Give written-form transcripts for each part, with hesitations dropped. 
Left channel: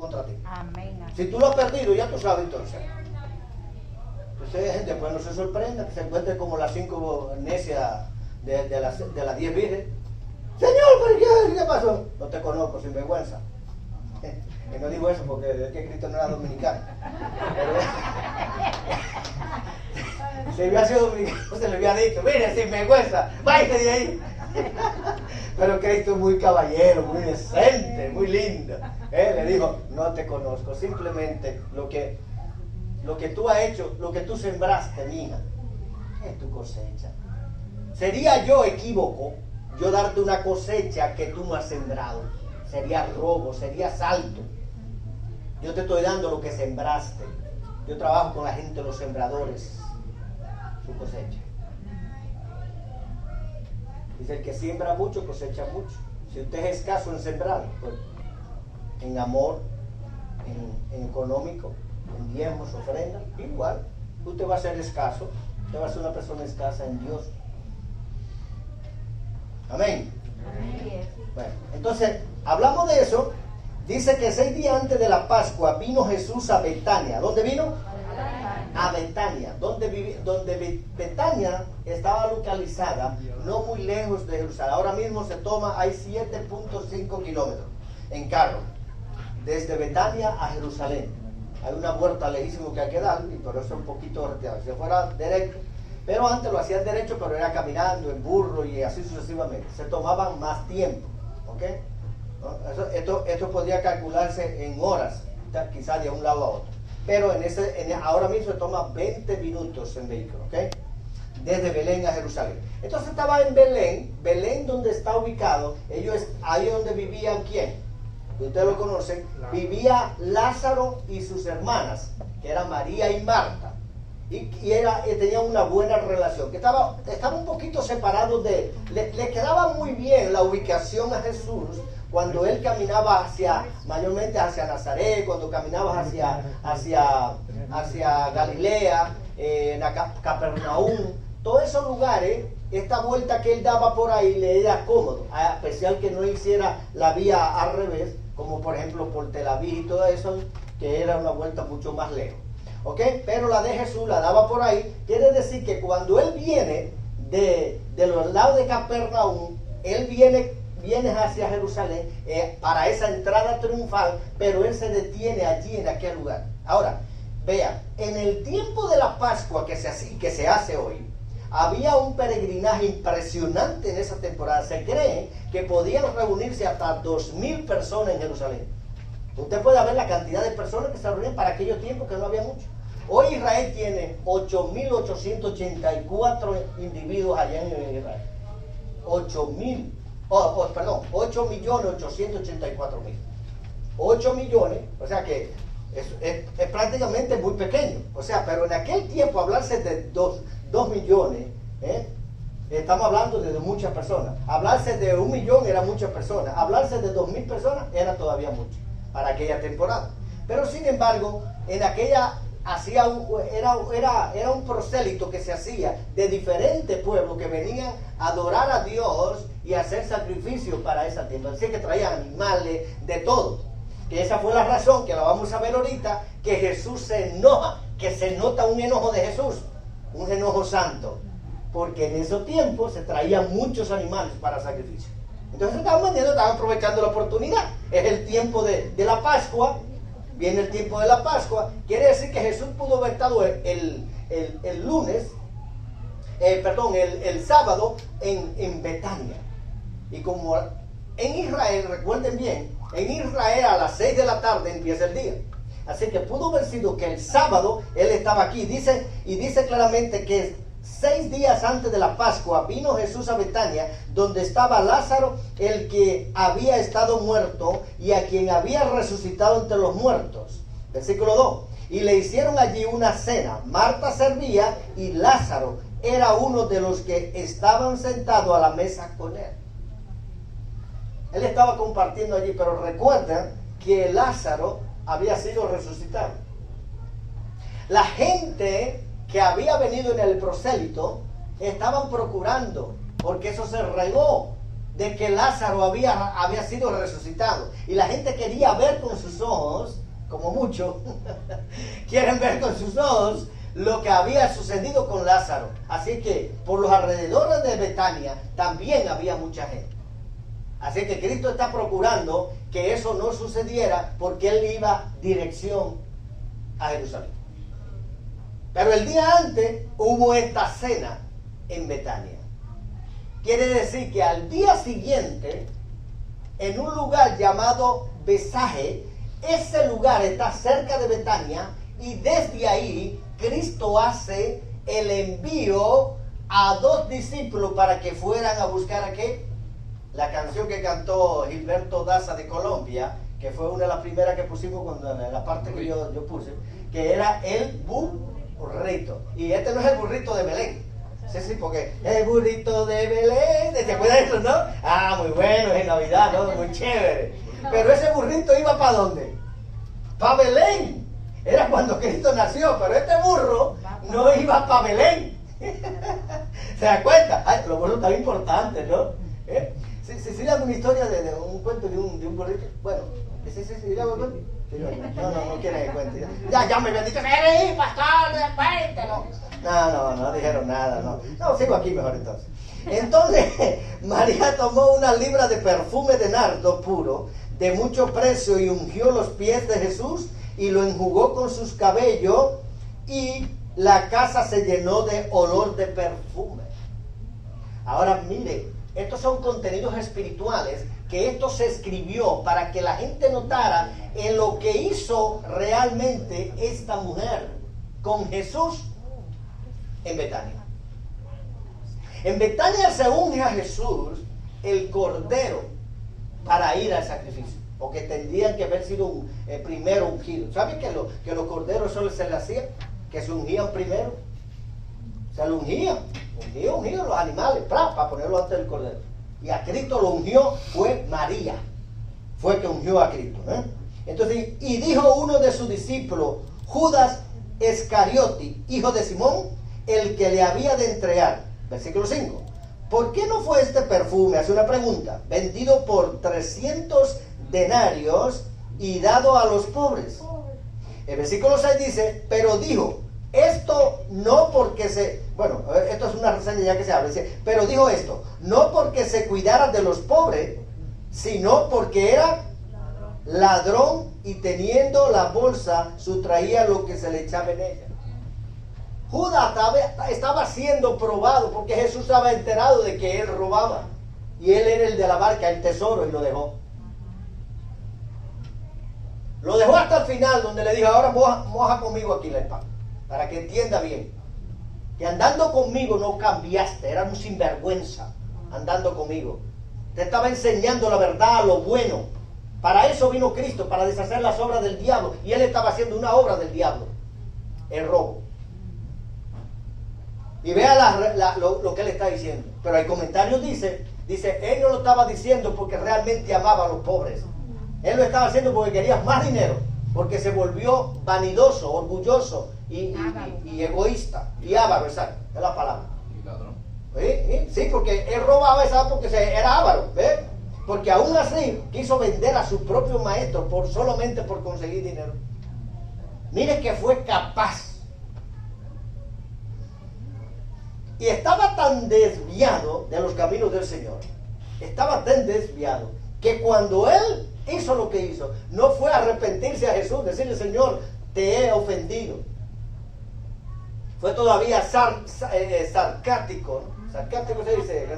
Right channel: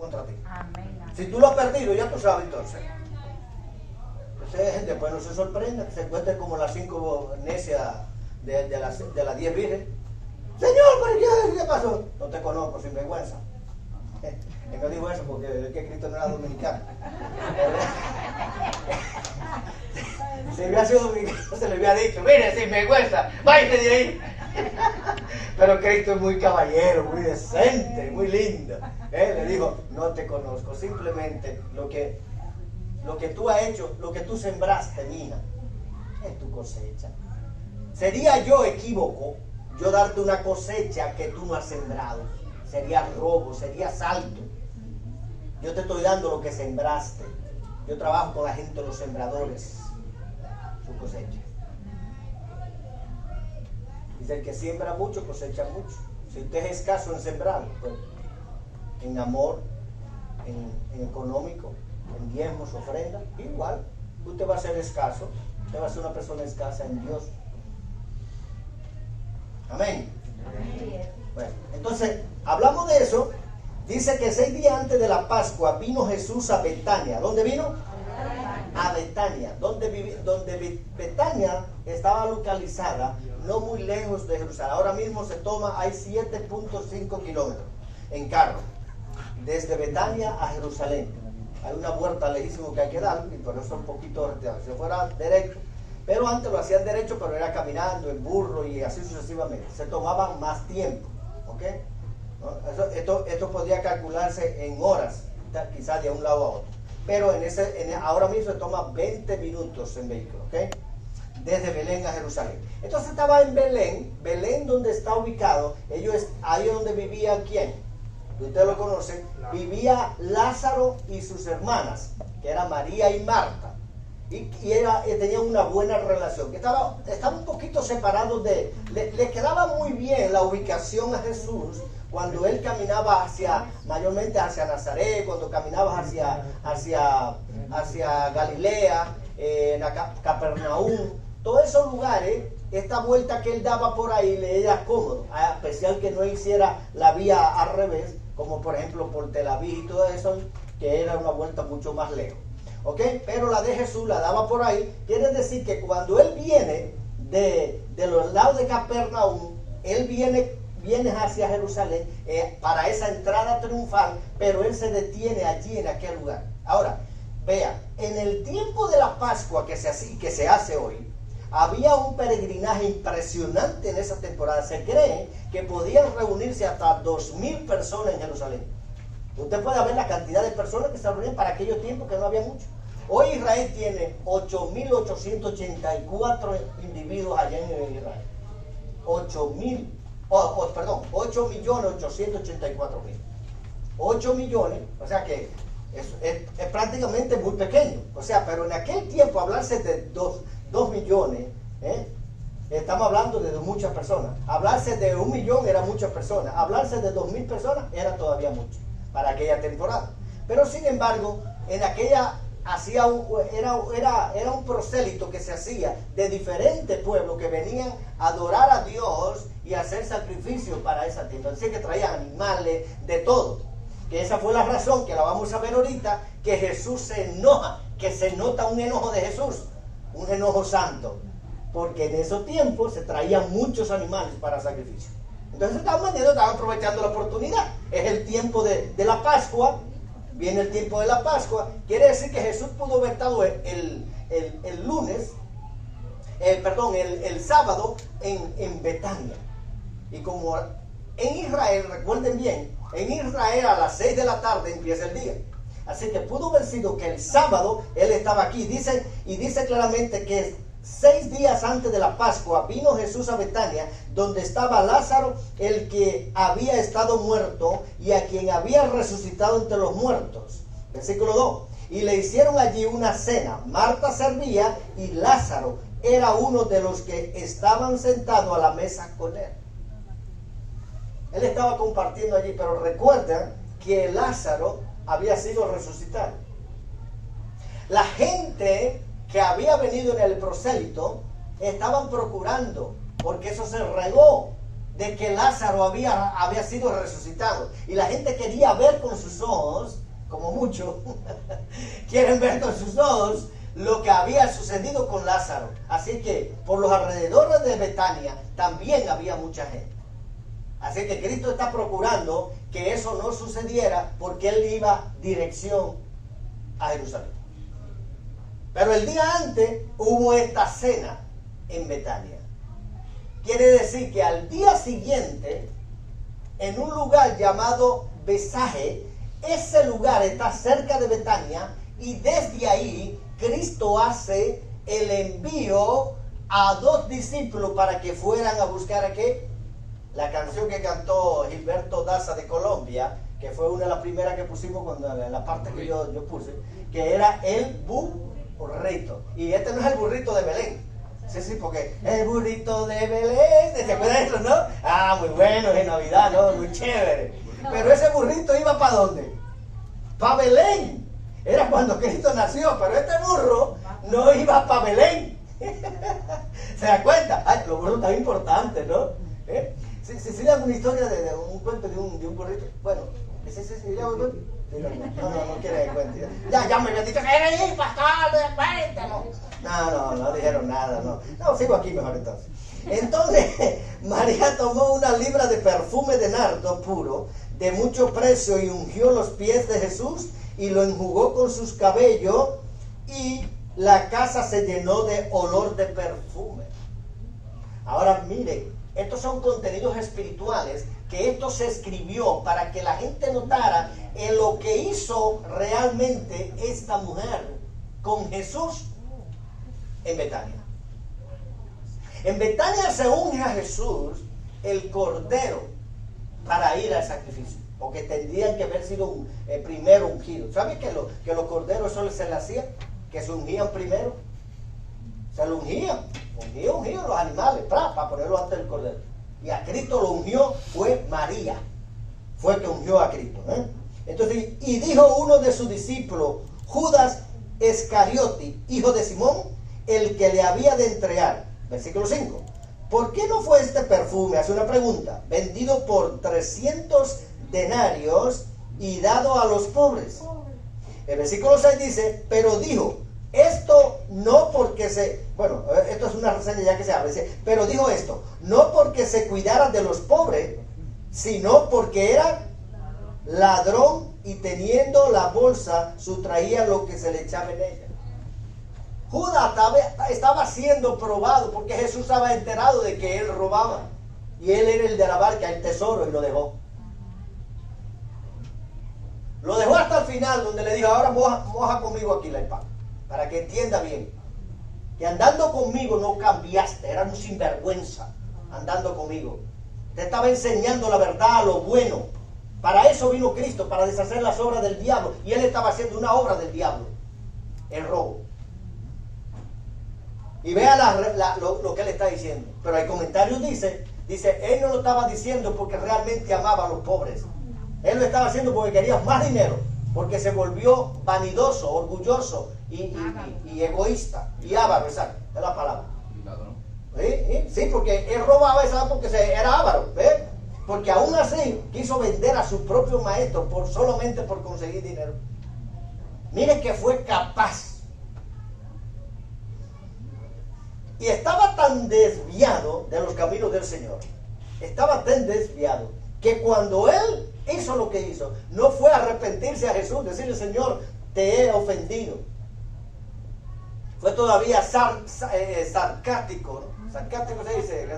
contra ti. Amén. Si tú lo has perdido, ya tú sabes entonces. Entonces después no se sorprenda que se encuentre como las 5 necias de las 10 virgen. Señor, ¿pero qué pasó? No te conozco, sin vergüenza. Él no dijo eso porque es que Cristo no era dominicano. Si hubiera sido dominicano se le hubiera dicho, mire, sin vergüenza, váyase de ahí. Pero Cristo es muy caballero, muy decente, muy lindo. Le dijo, no te conozco, simplemente lo que tú has hecho, lo que tú sembraste, mija, es tu cosecha. Sería yo equívoco yo darte una cosecha que tú no has sembrado. Sería robo, sería asalto. Yo te estoy dando lo que sembraste. Yo trabajo con la gente, los sembradores, su cosecha. Dice, el que siembra mucho, cosecha mucho. Si usted es escaso en sembrar, pues, en amor, en económico, en diezmos, ofrenda, igual, usted va a ser escaso, usted va a ser una persona escasa en Dios. Amén. Bueno, entonces, hablamos de eso. Dice que 6 días antes de la Pascua vino Jesús a Betania. ¿Dónde vino? A Betania, donde Betania estaba localizada no muy lejos de Jerusalén. Ahora mismo hay 7.5 kilómetros en carro, desde Betania a Jerusalén. Hay una vuelta lejísimo que hay que dar, y por eso es un poquito retirado. Si fuera derecho, pero antes lo hacían derecho, pero era caminando en burro y así sucesivamente. Se tomaban más tiempo, ¿ok? ¿No? Esto podía calcularse en horas, quizás de un lado a otro. Pero ahora mismo se toma 20 minutos en vehículo, ¿ok? Desde Belén a Jerusalén. Entonces estaba en Belén donde está ubicado, ahí es donde vivían ¿quién? Ustedes lo conocen, vivía Lázaro y sus hermanas, que eran María y Marta. Y tenían una buena relación, que estaba un poquito separados le quedaba muy bien la ubicación a Jesús cuando él caminaba mayormente hacia Nazaret, cuando caminaba hacia Galilea, Capernaum, todos esos lugares, esta vuelta que él daba por ahí le era cómodo, a especial que no hiciera la vía al revés, como por ejemplo por Tel Aviv y todo eso, que era una vuelta mucho más lejos. ¿Ok? Pero la de Jesús la daba por ahí. Quiere decir que cuando él viene de los lados de Capernaum, él viene hacia Jerusalén para esa entrada triunfal, pero él se detiene allí en aquel lugar. Ahora, vean, en el tiempo de la Pascua que se hace hoy, había un peregrinaje impresionante en esa temporada. Se cree que podían reunirse hasta 2,000 personas en Jerusalén. Usted puede ver la cantidad de personas que se reunían para aquellos tiempos que no había mucho. Hoy Israel tiene 8.884 individuos allá en Israel. 8.884.000. 8 millones, o sea que es prácticamente muy pequeño. O sea, pero en aquel tiempo hablarse de 2 millones, estamos hablando de muchas personas. Hablarse de 1 millón era muchas personas. Hablarse de 2,000 personas era todavía mucho para aquella temporada. Pero sin embargo, en aquella era un prosélito que se hacía de diferentes pueblos que venían a adorar a Dios y a hacer sacrificios para esa tiempo. Así que traían animales, de todo. Que esa fue la razón, que la vamos a ver ahorita, que Jesús se enoja, que se nota un enojo de Jesús, un enojo santo. Porque en esos tiempos se traían muchos animales para sacrificio. Entonces estaban aprovechando la oportunidad. Es el tiempo de la Pascua. Viene el tiempo de la Pascua. Quiere decir que Jesús pudo haber estado el sábado en Betania. Y como en Israel, recuerden bien, en Israel a las 6 de la tarde empieza el día. Así que pudo haber sido que el sábado él estaba aquí. Dice claramente que 6 días antes de la Pascua vino Jesús a Betania, donde estaba Lázaro, el que había estado muerto y a quien había resucitado entre los muertos. Versículo 2. Y le hicieron allí una cena. Marta servía y Lázaro era uno de los que estaban sentados a la mesa con él. Él estaba compartiendo allí, pero recuerden que Lázaro había sido resucitado. La gente que había venido en el prosélito estaban procurando, porque eso se regó de que Lázaro había sido resucitado, y la gente quería ver con sus ojos mucho, quieren ver con sus ojos lo que había sucedido con Lázaro. Así que por los alrededores de Betania también había mucha gente. Así que Cristo está procurando que eso no sucediera porque Él iba dirección a Jerusalén. Pero el día antes hubo esta cena en Betania. Quiere decir que al día siguiente, en un lugar llamado Besaje, ese lugar está cerca de Betania, y desde ahí Cristo hace el envío a 2 discípulos para que fueran a buscar a qué. La canción que cantó Gilberto Daza de Colombia, que fue una de las primeras que pusimos cuando la parte que yo puse, que era el burrito. Y este no es el burrito de Belén. Sí, porque el burrito de Belén, ¿te acuerdas de eso, no? Ah, muy bueno, es Navidad, ¿no? Muy chévere. Pero ese burrito iba ¿para dónde? Para Belén. Era cuando Cristo nació, pero este burro no iba para Belén. ¿Se da cuenta? Ay, los burros tan importantes, ¿no? Si le hago una historia de un cuento de un burrito, bueno, sí, le hago el no quiere que cuente. Ya me habían dicho, ¡eres pastor, cuéntalo! No dijeron nada, no, sigo aquí mejor entonces. Entonces, María tomó una libra de perfume de nardo puro, de mucho precio, y ungió los pies de Jesús, y lo enjugó con sus cabellos, y la casa se llenó de olor de perfume. Ahora mire, estos son contenidos espirituales que esto se escribió para que la gente notara en lo que hizo realmente esta mujer con Jesús en Betania. En Betania se unge a Jesús el cordero para ir al sacrificio, porque tendrían que haber sido primero ungidos. ¿Saben que los corderos solo se les hacía? Que se ungían primero. Se lo ungían los animales para ponerlo ante el cordero. Y a Cristo lo ungió fue María, fue que ungió a Cristo. Entonces, y dijo uno de sus discípulos, Judas Iscariote, hijo de Simón, el que le había de entregar. Versículo 5. ¿Por qué no fue este perfume? Hace una pregunta. Vendido por 300 denarios y dado a los pobres. El versículo 6 dice, pero dijo, esto no porque esto es una reseña ya que se abre, dice, pero dijo esto, no porque se cuidara de los pobres, sino porque era ladrón y teniendo la bolsa sustraía lo que se le echaba en ella. Judas estaba siendo probado porque Jesús estaba enterado de que él robaba y él era el de la barca, el tesoro, y lo dejó. Lo dejó hasta el final, donde le dijo, ahora moja conmigo aquí la espada, para que entienda bien que andando conmigo no cambiaste, eras un sinvergüenza andando conmigo. Te estaba enseñando la verdad, lo bueno. Para eso vino Cristo, para deshacer las obras del diablo, y él estaba haciendo una obra del diablo, el robo. Y vea lo que él está diciendo. Pero hay comentarios, dice, él no lo estaba diciendo porque realmente amaba a los pobres. Él lo estaba haciendo porque quería más dinero, porque se volvió vanidoso, orgulloso y egoísta. Y avaro, exacto, es la palabra. ¿Y ladrón? Sí, porque él robaba, ¿sabes? Porque era avaro, ¿ves? Porque aún así quiso vender a su propio maestro solamente por conseguir dinero. Mire que fue capaz. Y estaba tan desviado de los caminos del Señor, estaba tan desviado, que cuando él hizo lo que hizo, no fue a arrepentirse a Jesús, decirle, Señor, te he ofendido. Fue todavía sarcástico, ¿no? Sarcástico se dice,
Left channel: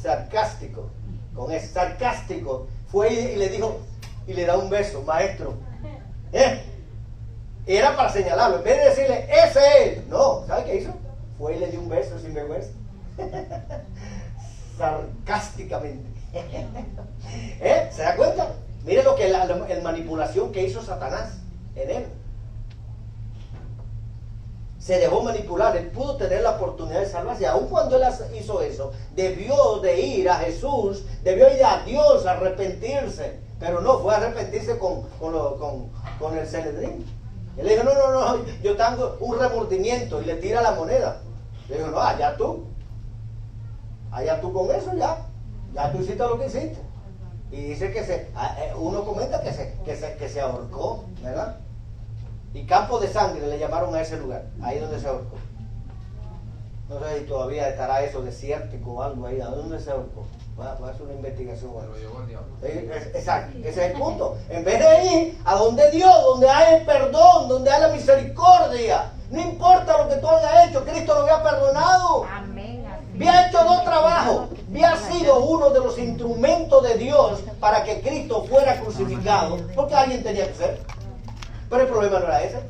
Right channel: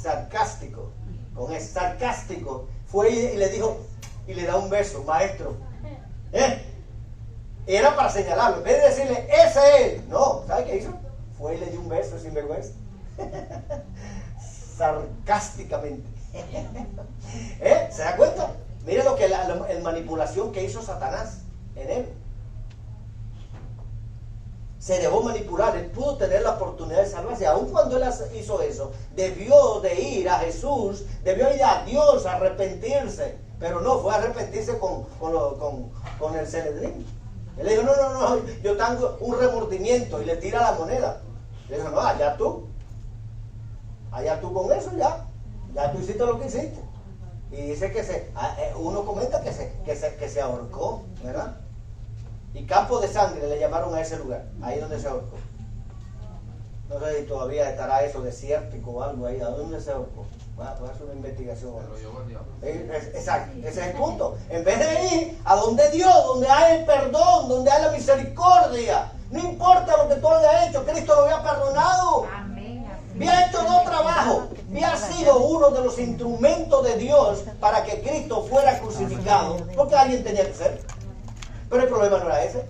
sarcástico, con ese sarcástico, fue y le dijo, y le da un beso, maestro. Era para señalarlo, en vez de decirle, ese es, no, ¿sabe qué hizo? Fue y le dio un beso sin vergüenza. Sarcásticamente. ¿Se da cuenta? Mire lo que la manipulación que hizo Satanás en él. Se dejó manipular, él pudo tener la oportunidad de salvarse. Aun cuando él hizo eso, debió de ir a Jesús, debió ir a Dios a arrepentirse, pero no fue a arrepentirse con el Sanedrín. Él le dijo, no, yo tengo un remordimiento, y le tira la moneda. Le dijo, no, allá tú con eso ya tú hiciste lo que hiciste. Y dice que uno comenta que se ahorcó, ¿verdad? Y Campo de Sangre le llamaron a ese lugar, ahí donde se ahorcó. No sé si todavía estará eso desértico o algo ahí, ¿a dónde se ahorcó? Va a hacer una investigación. Exacto, ese es el punto. En vez de ir a donde Dios, donde hay el perdón, donde hay la misericordia, no importa lo que tú hayas hecho, Cristo lo había perdonado. Había hecho dos trabajos, había sido uno de los instrumentos de Dios para que Cristo fuera crucificado, porque alguien tenía que ser. Pero el problema no era ese.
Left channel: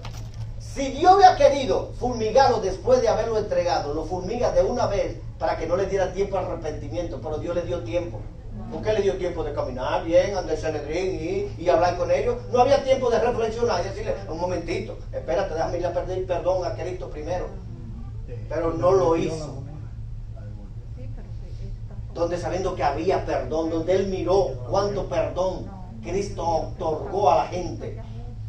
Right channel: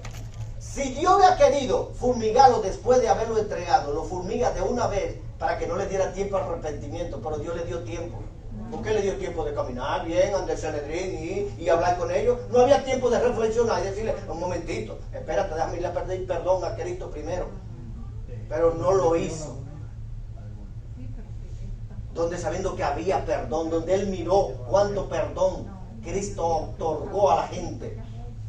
Si Dios había querido fumigarlo después de haberlo entregado, lo fumiga de una vez para que no le diera tiempo al arrepentimiento, pero Dios le dio tiempo. ¿Por qué le dio tiempo de caminar bien, andar el Sanedrín y hablar con ellos? No había tiempo de reflexionar y decirle, un momentito, espérate, déjame ir a pedir perdón a Cristo primero. Pero no lo hizo. Donde sabiendo que había perdón, donde él miró cuánto perdón Cristo otorgó a la gente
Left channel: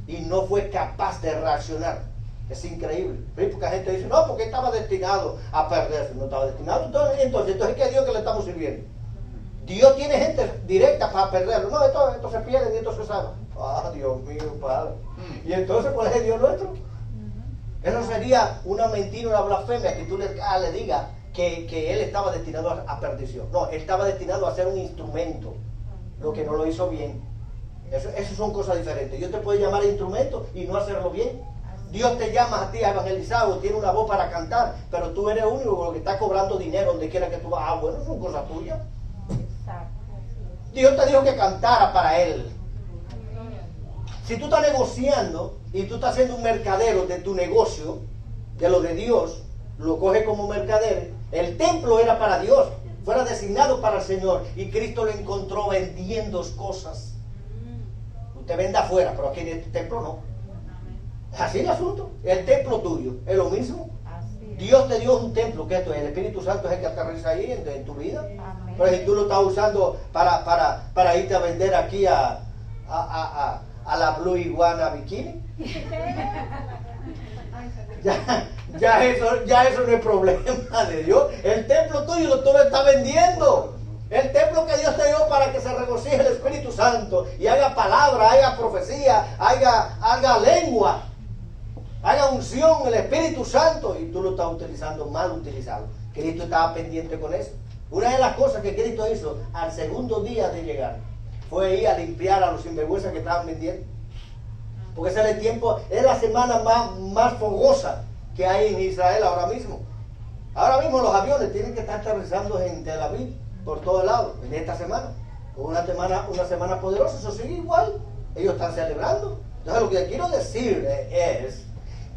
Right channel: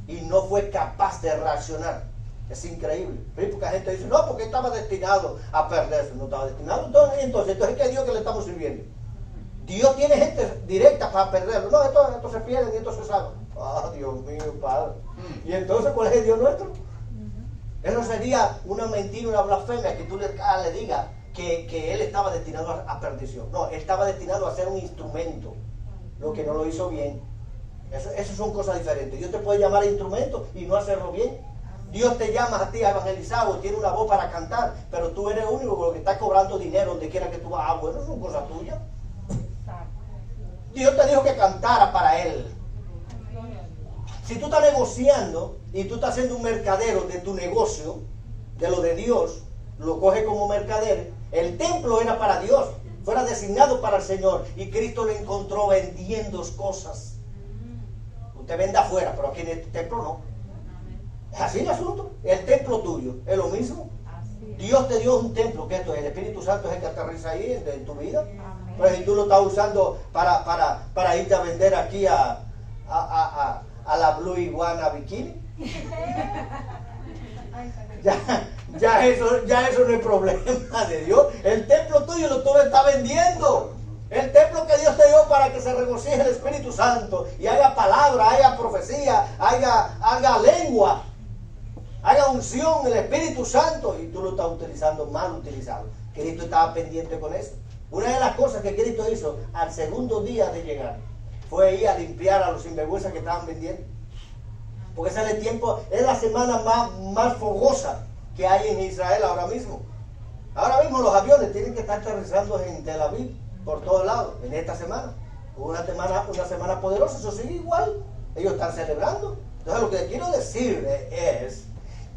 y no fue capaz de reaccionar. Es increíble. Porque la gente dice, no, porque estaba destinado a perderse. No estaba destinado. Entonces ¿qué es Dios que le estamos sirviendo? Dios tiene gente directa para perderlo. No, esto se pierde y esto se salva. Ah, Dios mío, Padre. Y entonces, ¿cuál es el Dios nuestro? Eso sería una mentira, una blasfemia que tú le digas que él estaba destinado a perdición. No, él estaba destinado a ser un instrumento. Lo que no lo hizo bien. Eso son cosas diferentes. Dios te puede llamar instrumento y no hacerlo bien. Dios te llama a ti a evangelizar o tiene una voz para cantar, pero tú eres el único que está cobrando dinero donde quiera que tú vas. Ah, bueno, son cosas tuyas. Dios te dijo que cantara para Él. Si tú estás negociando y tú estás siendo un mercadero de tu negocio, de lo de Dios, lo coges como mercader. El templo era para Dios, fuera designado para el Señor, y Cristo lo encontró vendiendo cosas. Usted vende afuera, pero aquí en este templo no. Es así el asunto. El templo tuyo es lo mismo. Dios te dio un templo, que esto es el Espíritu Santo, es el que aterriza ahí en tu vida. Pero si tú lo estás usando para irte a vender aquí a la Blue Iguana Bikini, ya eso no es problema de Dios. El templo tuyo tú lo estás vendiendo. El templo que Dios te dio para que se regocije el Espíritu Santo y haga palabra, haga profecía, haga lengua, haga unción el Espíritu Santo, y tú lo estás utilizando mal utilizado. Cristo estaba pendiente con eso. Una de las cosas que Cristo hizo al segundo día de llegar fue ir a limpiar a los sinvergüenzas que estaban vendiendo. Porque ese es el tiempo, es la semana más fogosa que hay en Israel ahora mismo. Ahora mismo los aviones tienen que estar aterrizando en Tel Aviv por todos lados en esta semana. Una semana poderosa, eso sigue igual. Ellos están celebrando. Entonces lo que quiero decir es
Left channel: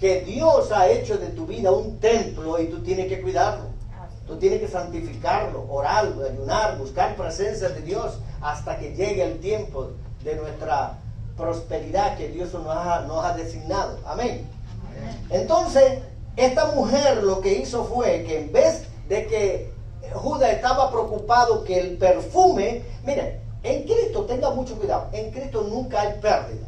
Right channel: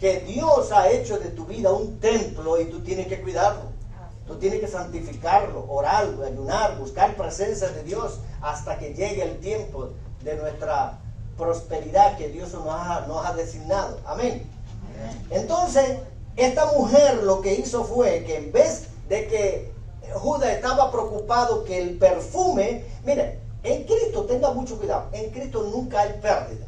que Dios ha hecho de tu vida un templo y tú tienes que cuidarlo. Tú tienes que santificarlo, orar, ayunar, buscar presencia de Dios hasta que llegue el tiempo de nuestra prosperidad que Dios nos ha designado. Amén. Entonces, esta mujer lo que hizo fue que en vez de que Judas estaba preocupado que el perfume, mire, en Cristo tenga mucho cuidado, en Cristo nunca hay pérdida.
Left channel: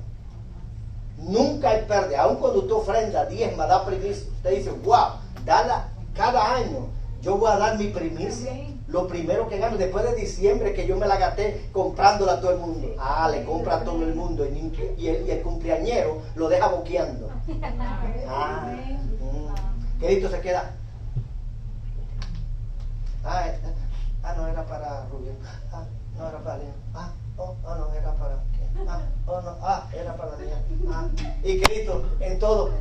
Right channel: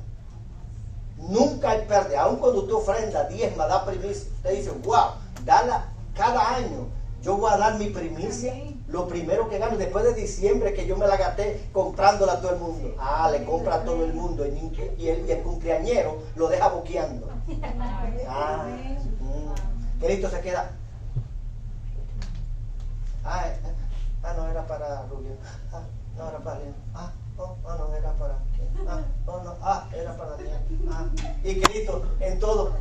Nunca hay pérdida. Aun cuando usted ofrenda, diezma, da primicia, usted dice, wow, dala cada año. Yo voy a dar mi primicia, lo primero que gano, después de diciembre que yo me la gasté comprándola a todo el mundo. Ah, le compra a todo el mundo y el cumpleañero lo deja boqueando. Cristo se queda. No era para Rubén. No era para León. No era para era para León. Y Cristo en todo,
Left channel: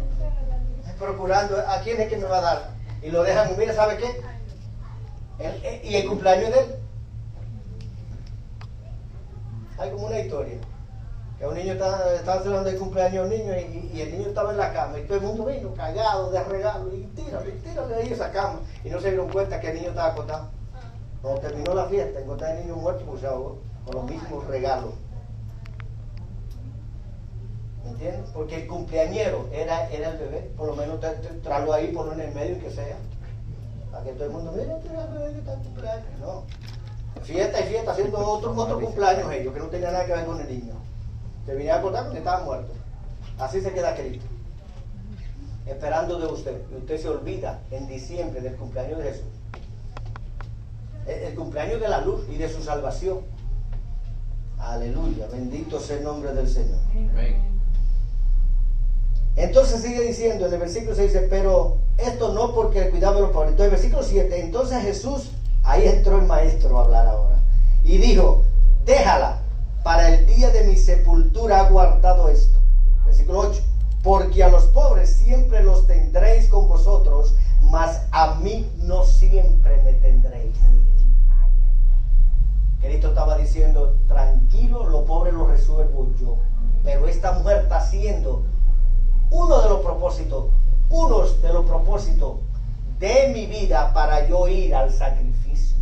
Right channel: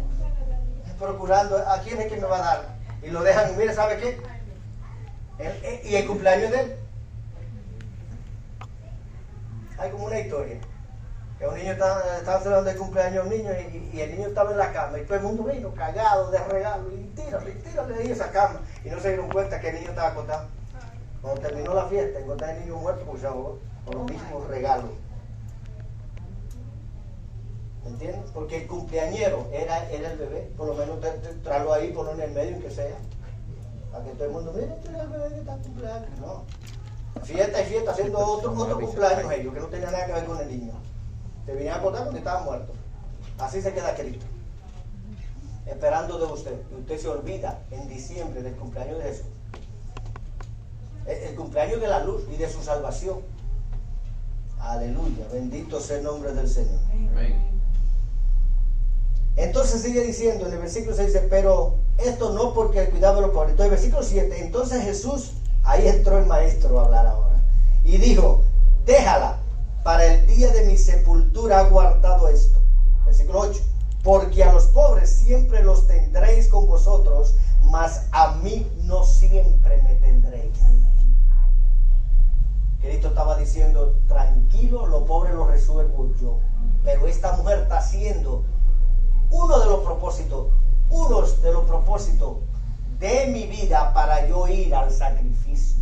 procurando a quién es que me va a dar. Y lo dejan, mire, ¿sabe qué? Y el cumpleaños de él. Hay como una historia. Que un niño estaba celebrando el cumpleaños de un niño y el niño estaba en la cama y todo el mundo vino cagado de regalo y tírale ahí esa cama. Y no se dieron cuenta que el niño estaba acostado. Cuando terminó la fiesta, encontraron el niño muerto porque se ahogó con los mismos regalos. ¿Entiendes? Porque el cumpleañero era el bebé. Por lo menos traerlo ahí, ponlo en el medio y que sea. Para que todo el mundo, mira, el bebé que está en cumpleaños. No. Fiesta y fiesta, haciendo otro cumpleaños ellos, que no tenía nada que ver con el niño. Se vinieron a contar porque estaban muertos. Así se queda Cristo. Esperando de usted. Y usted se olvida en diciembre del cumpleaños de Jesús. El cumpleaños de la luz y de su salvación. Aleluya, bendito sea el nombre del Señor. Amén. Entonces sigue diciendo en el versículo 6, dice, pero esto no porque el cuidado de los pobres. Entonces, versículo 7, entonces Jesús, ahí entró el maestro a hablar ahora, y dijo, déjala, para el día de mi sepultura ha guardado esto. Versículo 8, porque a los pobres siempre los tendréis con vosotros, mas a mí no siempre me tendréis. Cristo estaba diciendo, tranquilo, los pobres los resuelvo yo. Pero esta mujer está haciendo uno de los propósitos de mi vida para yo ir al sacrificio.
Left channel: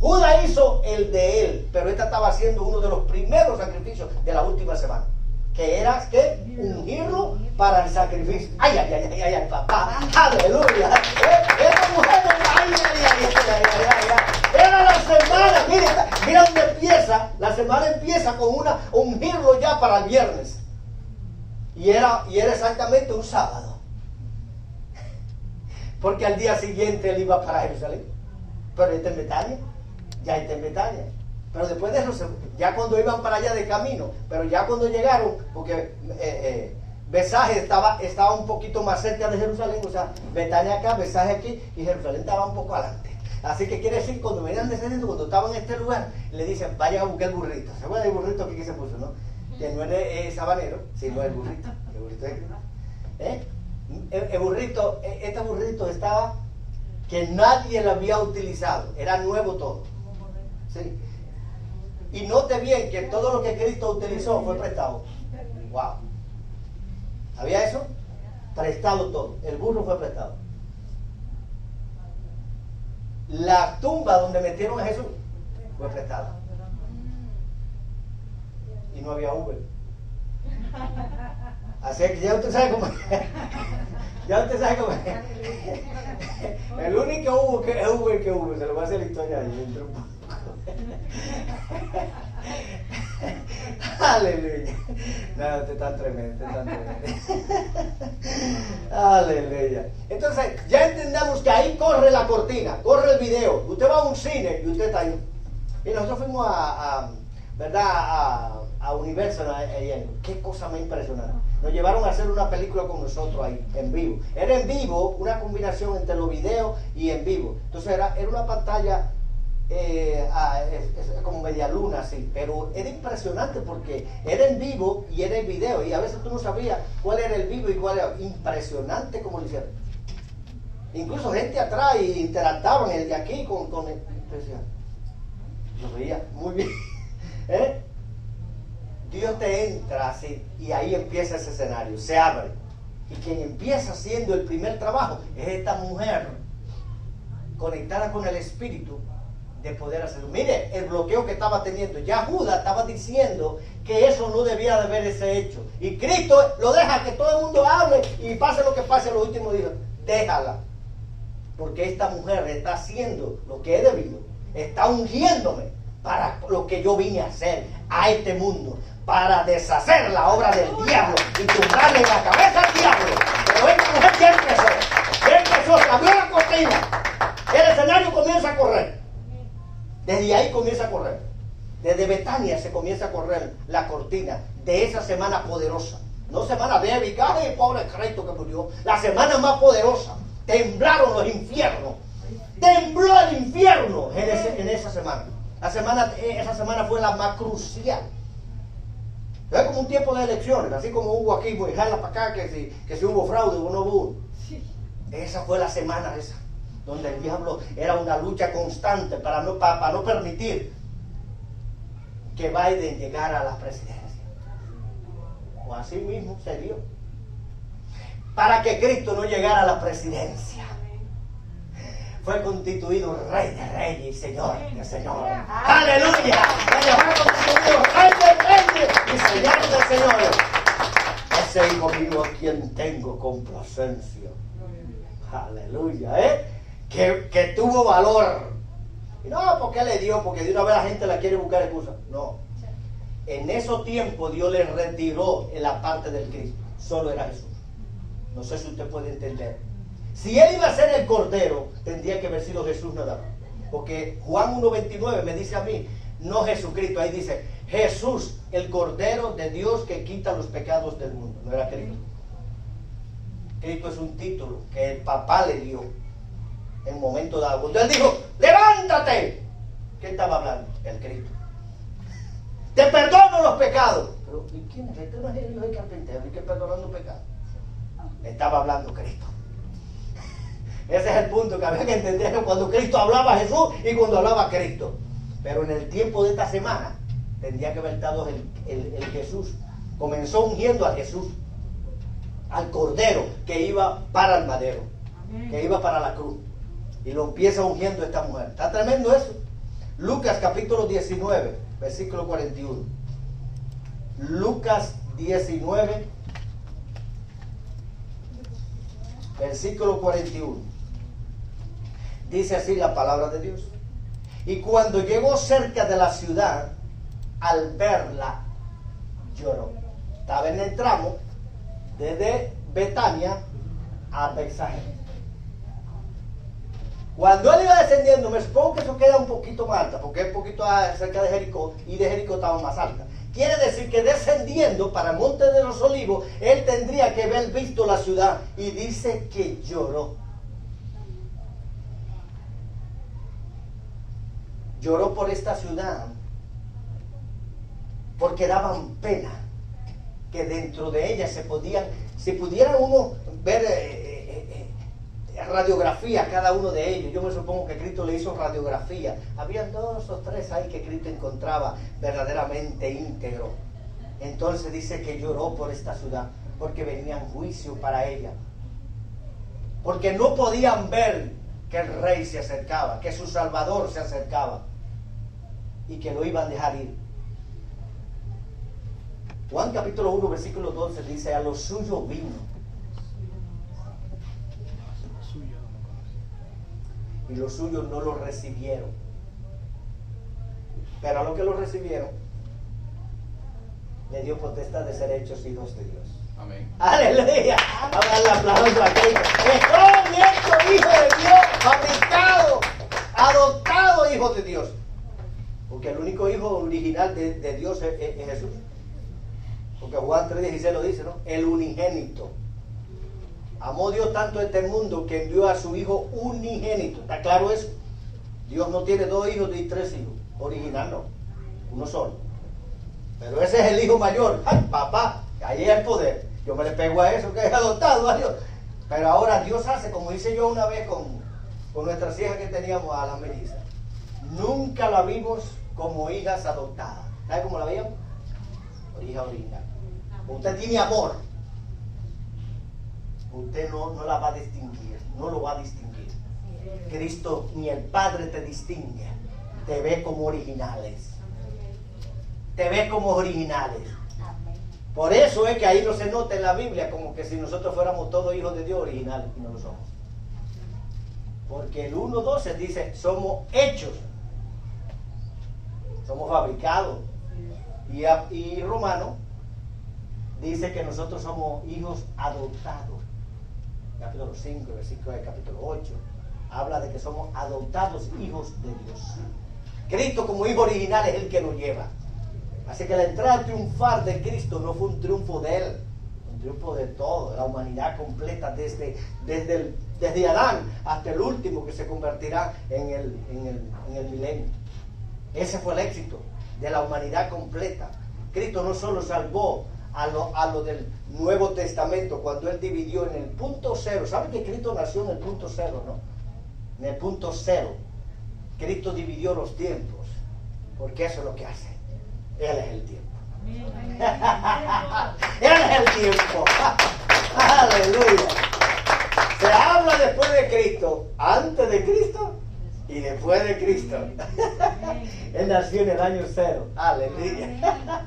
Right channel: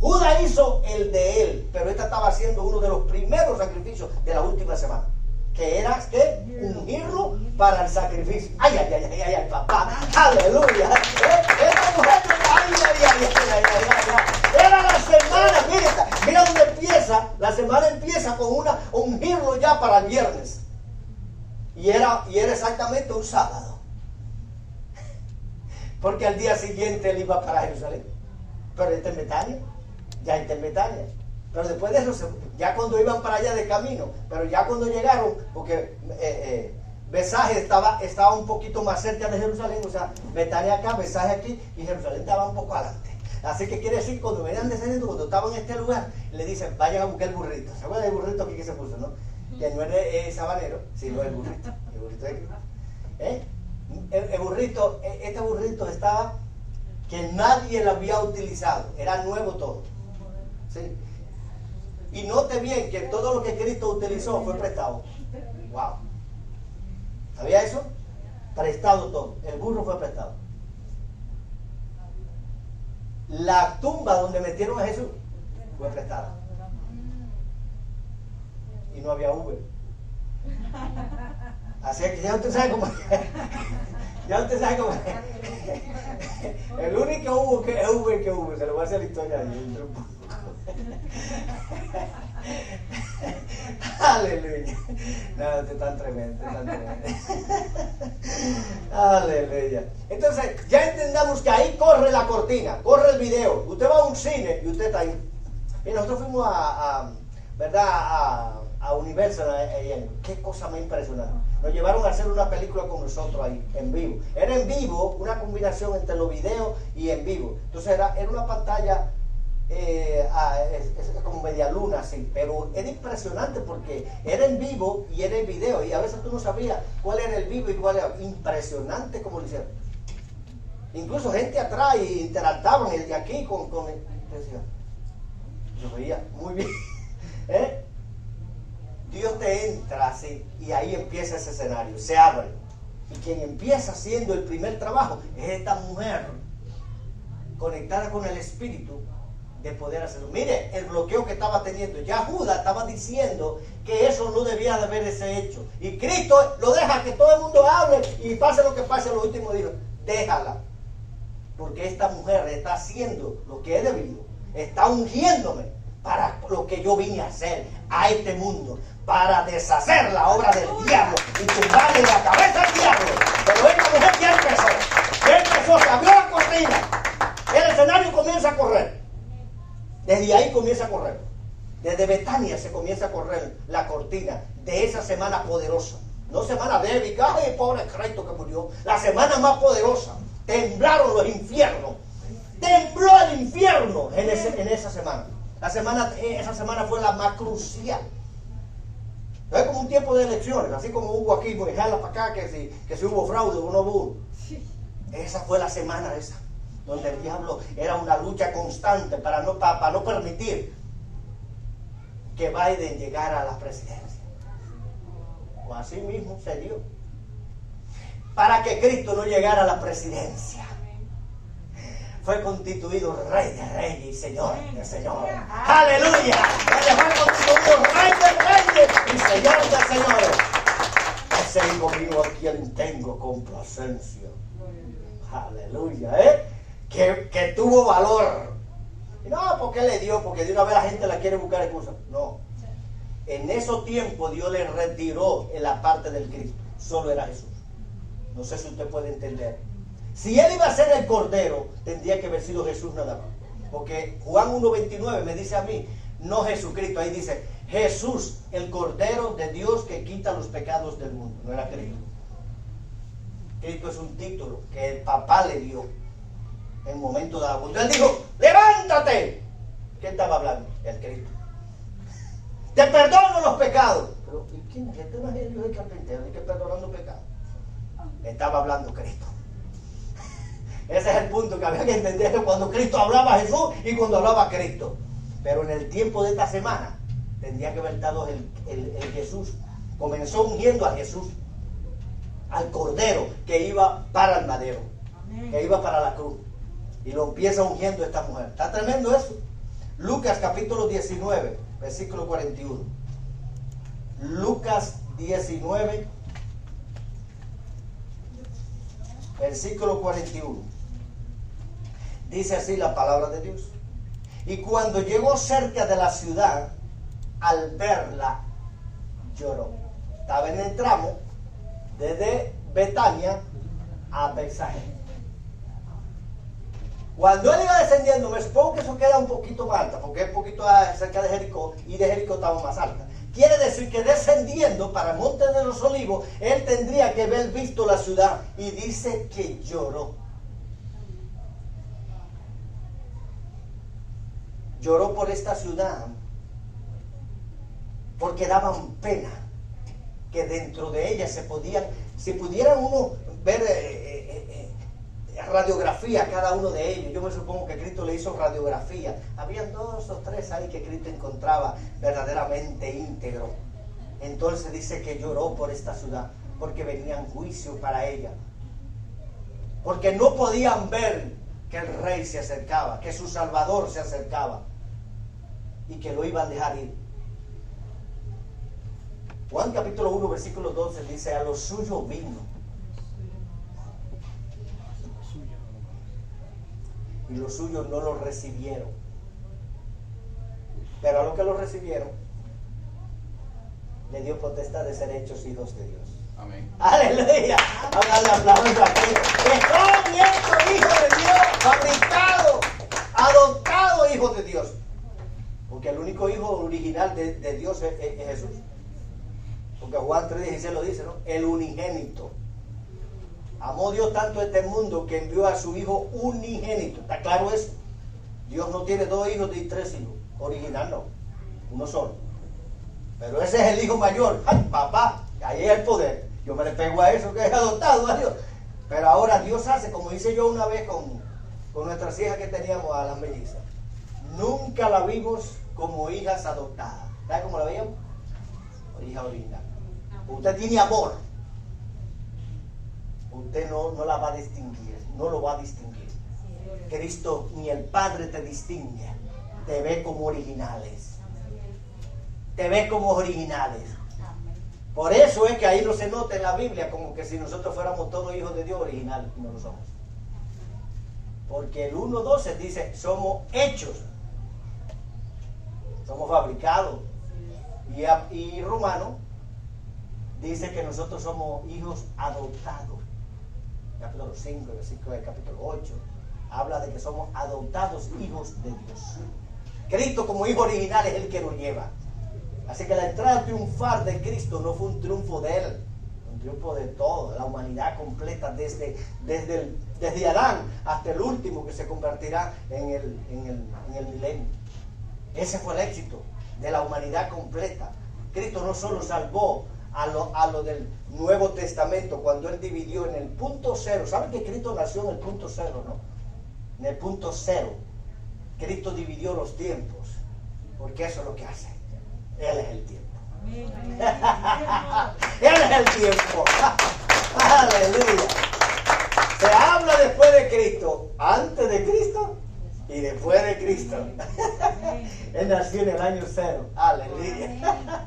Judas hizo el de él, pero esta estaba haciendo uno de los primeros sacrificios de la última semana, que era que ungirlo para el sacrificio. Ay, ay, ay, ay, ay, papá, aleluya. Esta mujer, ay, ay, ay, ay, ay. Era la semana, mira dónde empieza. La semana empieza con ungirlo ya para el viernes. Y era exactamente un sábado. Porque al día siguiente él iba para Jerusalén. Pero está en Betania. Ya está en Betania. Pero después de eso, ya cuando iban para allá de camino, pero ya cuando llegaron, porque Besaje estaba un poquito más cerca de Jerusalén, o sea, Betania acá, Besaje aquí, y Jerusalén estaba un poco adelante. Así que quiere decir, cuando venían descendiendo, cuando estaban en este lugar, le dicen, vayan a buscar el burrito. ¿Se acuerdan del burrito aquí que se puso, no? Que no es sabanero, sino el burrito. El burrito el burrito, este burrito estaba que nadie lo había utilizado, era nuevo todo. ¿Sí? Y note bien que todo lo que Cristo utilizó fue prestado. Wow. ¿Sabía eso? Prestado todo. El burro fue prestado. La tumba donde metieron a Jesús fue prestada. Y no había Uber. Así que ya usted sabe cómo es. Ya usted sabe cómo es. El único Uber que hubo, se lo voy a hacer la historia ahí. Aleluya. No, usted está tremendo, Aleluya. Entonces, ya entendamos que ahí corre la cortina, corre el video. Usted va a un cine y usted está ahí. Y nosotros fuimos a Universal, qué cosa más impresionante. Nos llevaron a hacer una película con nosotros ahí, en vivo. Era en vivo, una combinación entre los videos y en vivo. Entonces era una pantalla como media luna así, pero era impresionante porque era en vivo y era en video, y a veces tú no sabías cuál era el vivo y cuál era. Impresionante como lo hicieron. Incluso gente atrás y interactuaban el de aquí con el, decía, yo veía muy bien. Dios te entra así y ahí empieza ese escenario, se abre, y quien empieza haciendo el primer trabajo es esta mujer conectada con el Espíritu de poder hacerlo. Mire el bloqueo que estaba teniendo. Ya Judas estaba diciendo que eso no debía de haberse hecho, y Cristo lo deja que todo el mundo hable y pase lo que pase. Lo último dijo, déjala, porque esta mujer está haciendo lo que he debido, está ungiéndome para lo que yo vine a hacer a este mundo, para deshacer la obra del diablo y tumbarle la cabeza al diablo. Pero esta mujer ya empezó, se abrió la cortina, el escenario comienza a correr. Desde ahí comienza a correr. Desde Betania se comienza a correr la cortina de esa semana poderosa. No semana débil, ay, pobre Cristo que murió. La semana más poderosa. Temblaron los infiernos. Tembló el infierno en esa semana. Esa semana fue la más crucial. No es como un tiempo de elecciones, así como hubo aquí, pues jala para acá, que si hubo fraude o no hubo. Esa fue la semana esa, donde el diablo era una lucha constante para no permitir que Biden llegara a la presidencia. O así mismo se dio. Para que Cristo no llegara a la presidencia, fue constituido Rey de Reyes y Señor de Señores. ¡Aleluya! Fue constituido Rey de Reyes y Señor de Señores. Ese hijo mío a quien tengo complacencia. Aleluya, que tuvo valor. Y no, porque le dio, porque de una vez la gente la quiere buscar excusa. No. En esos tiempos Dios le retiró en la parte del Cristo. Solo era Jesús. No sé si usted puede entender. Si él iba a ser el Cordero, tendría que haber sido Jesús nada más. Porque Juan 1:29 me dice a mí, no Jesucristo. Ahí dice, Jesús, el Cordero de Dios que quita los pecados del mundo. No era Cristo. Cristo es un título que el papá le dio en un momento dado. Cuando él dijo, levántate. ¿Quién estaba hablando? El Cristo. Te perdono los pecados. Pero, ¿y quién es? Este no es el hijo del carpintero, el que perdonando pecados. Estaba hablando Cristo. Ese es el punto que había que entender cuando Cristo hablaba a Jesús y cuando hablaba a Cristo. Pero en el tiempo de esta semana tendría que haber estado el Jesús. Comenzó ungiendo a Jesús, al Cordero que iba para el madero, que iba para la cruz. Y lo empieza ungiendo esta mujer. Está tremendo eso. Lucas capítulo 19, versículo 41. Lucas 19, versículo 41. Dice así la palabra de Dios. Y cuando llegó cerca de la ciudad, al verla, lloró. Estaba en el tramo desde Betania a Betsaje. Cuando él iba descendiendo, me supongo que eso queda un poquito más alta, porque es un poquito cerca de Jericó, y de Jericó estaba más alta. Quiere decir que descendiendo para el Monte de los Olivos, él tendría que haber visto la ciudad, y dice que lloró. Lloró por esta ciudad, porque daban pena que dentro de ella si pudieran uno ver radiografía cada uno de ellos. Yo me supongo que Cristo le hizo radiografía. Habían 2 o 3 ahí que Cristo encontraba verdaderamente íntegro. Entonces dice que lloró por esta ciudad, porque venía en juicio para ella, porque no podían ver que el rey se acercaba, que su Salvador se acercaba y que lo iban a dejar ir. Juan capítulo 1 versículo 12 dice, a los suyos vino y los suyos no lo recibieron, pero a los que lo recibieron le dio potestad de ser hechos hijos de Dios. Amén. Aleluya. Vamos a darle aplauso a Cristo. Estamos viendo hijo de Dios, fabricado, adoptado hijo de Dios. Porque el único hijo original de Dios es Jesús. Porque Juan 3:16 lo dice, ¿no? El unigénito. Amó Dios tanto a este mundo que envió a su hijo unigénito. ¿Está claro eso? Dios no tiene 2 hijos ni 3 hijos. Original no. Uno solo. Pero ese es el hijo mayor. ¡Ay, papá! Ahí hay el poder. Yo me le pego a eso que es adoptado a Dios. Pero ahora Dios hace, como hice yo una vez con nuestras hijas que teníamos, a las mellizas. Nunca la vimos como hijas adoptadas. ¿Sabe cómo la veíamos? Hija original. Usted tiene amor. Usted no la va a distinguir. No lo va a distinguir. Cristo ni el Padre te distingue. Te ve como originales. Te ve como originales. Por eso es que ahí no se nota en la Biblia como que si nosotros fuéramos todos hijos de Dios originales. No lo somos. Porque el 1:12 dice, somos hechos. Somos fabricados. Y Romano dice que nosotros somos hijos adoptados. Capítulo 5, versículo del capítulo 8, habla de que somos adoptados hijos de Dios. Cristo como hijo original es el que nos lleva. Así que la entrada triunfal de Cristo no fue un triunfo de él, un triunfo de todo, de la humanidad completa, desde Adán hasta el último que se convertirá en el milenio. Ese fue el éxito de la humanidad completa. Cristo no solo salvó a lo del Nuevo Testamento cuando él dividió en el punto cero. ¿Saben que Cristo nació en el punto cero, no? En el punto cero. Cristo dividió los tiempos, porque eso es lo que hace. Él es el tiempo. Él es el tiempo. Aleluya. Se habla después de Cristo, antes de Cristo y después de Cristo. Él nació en el año 0. Aleluya.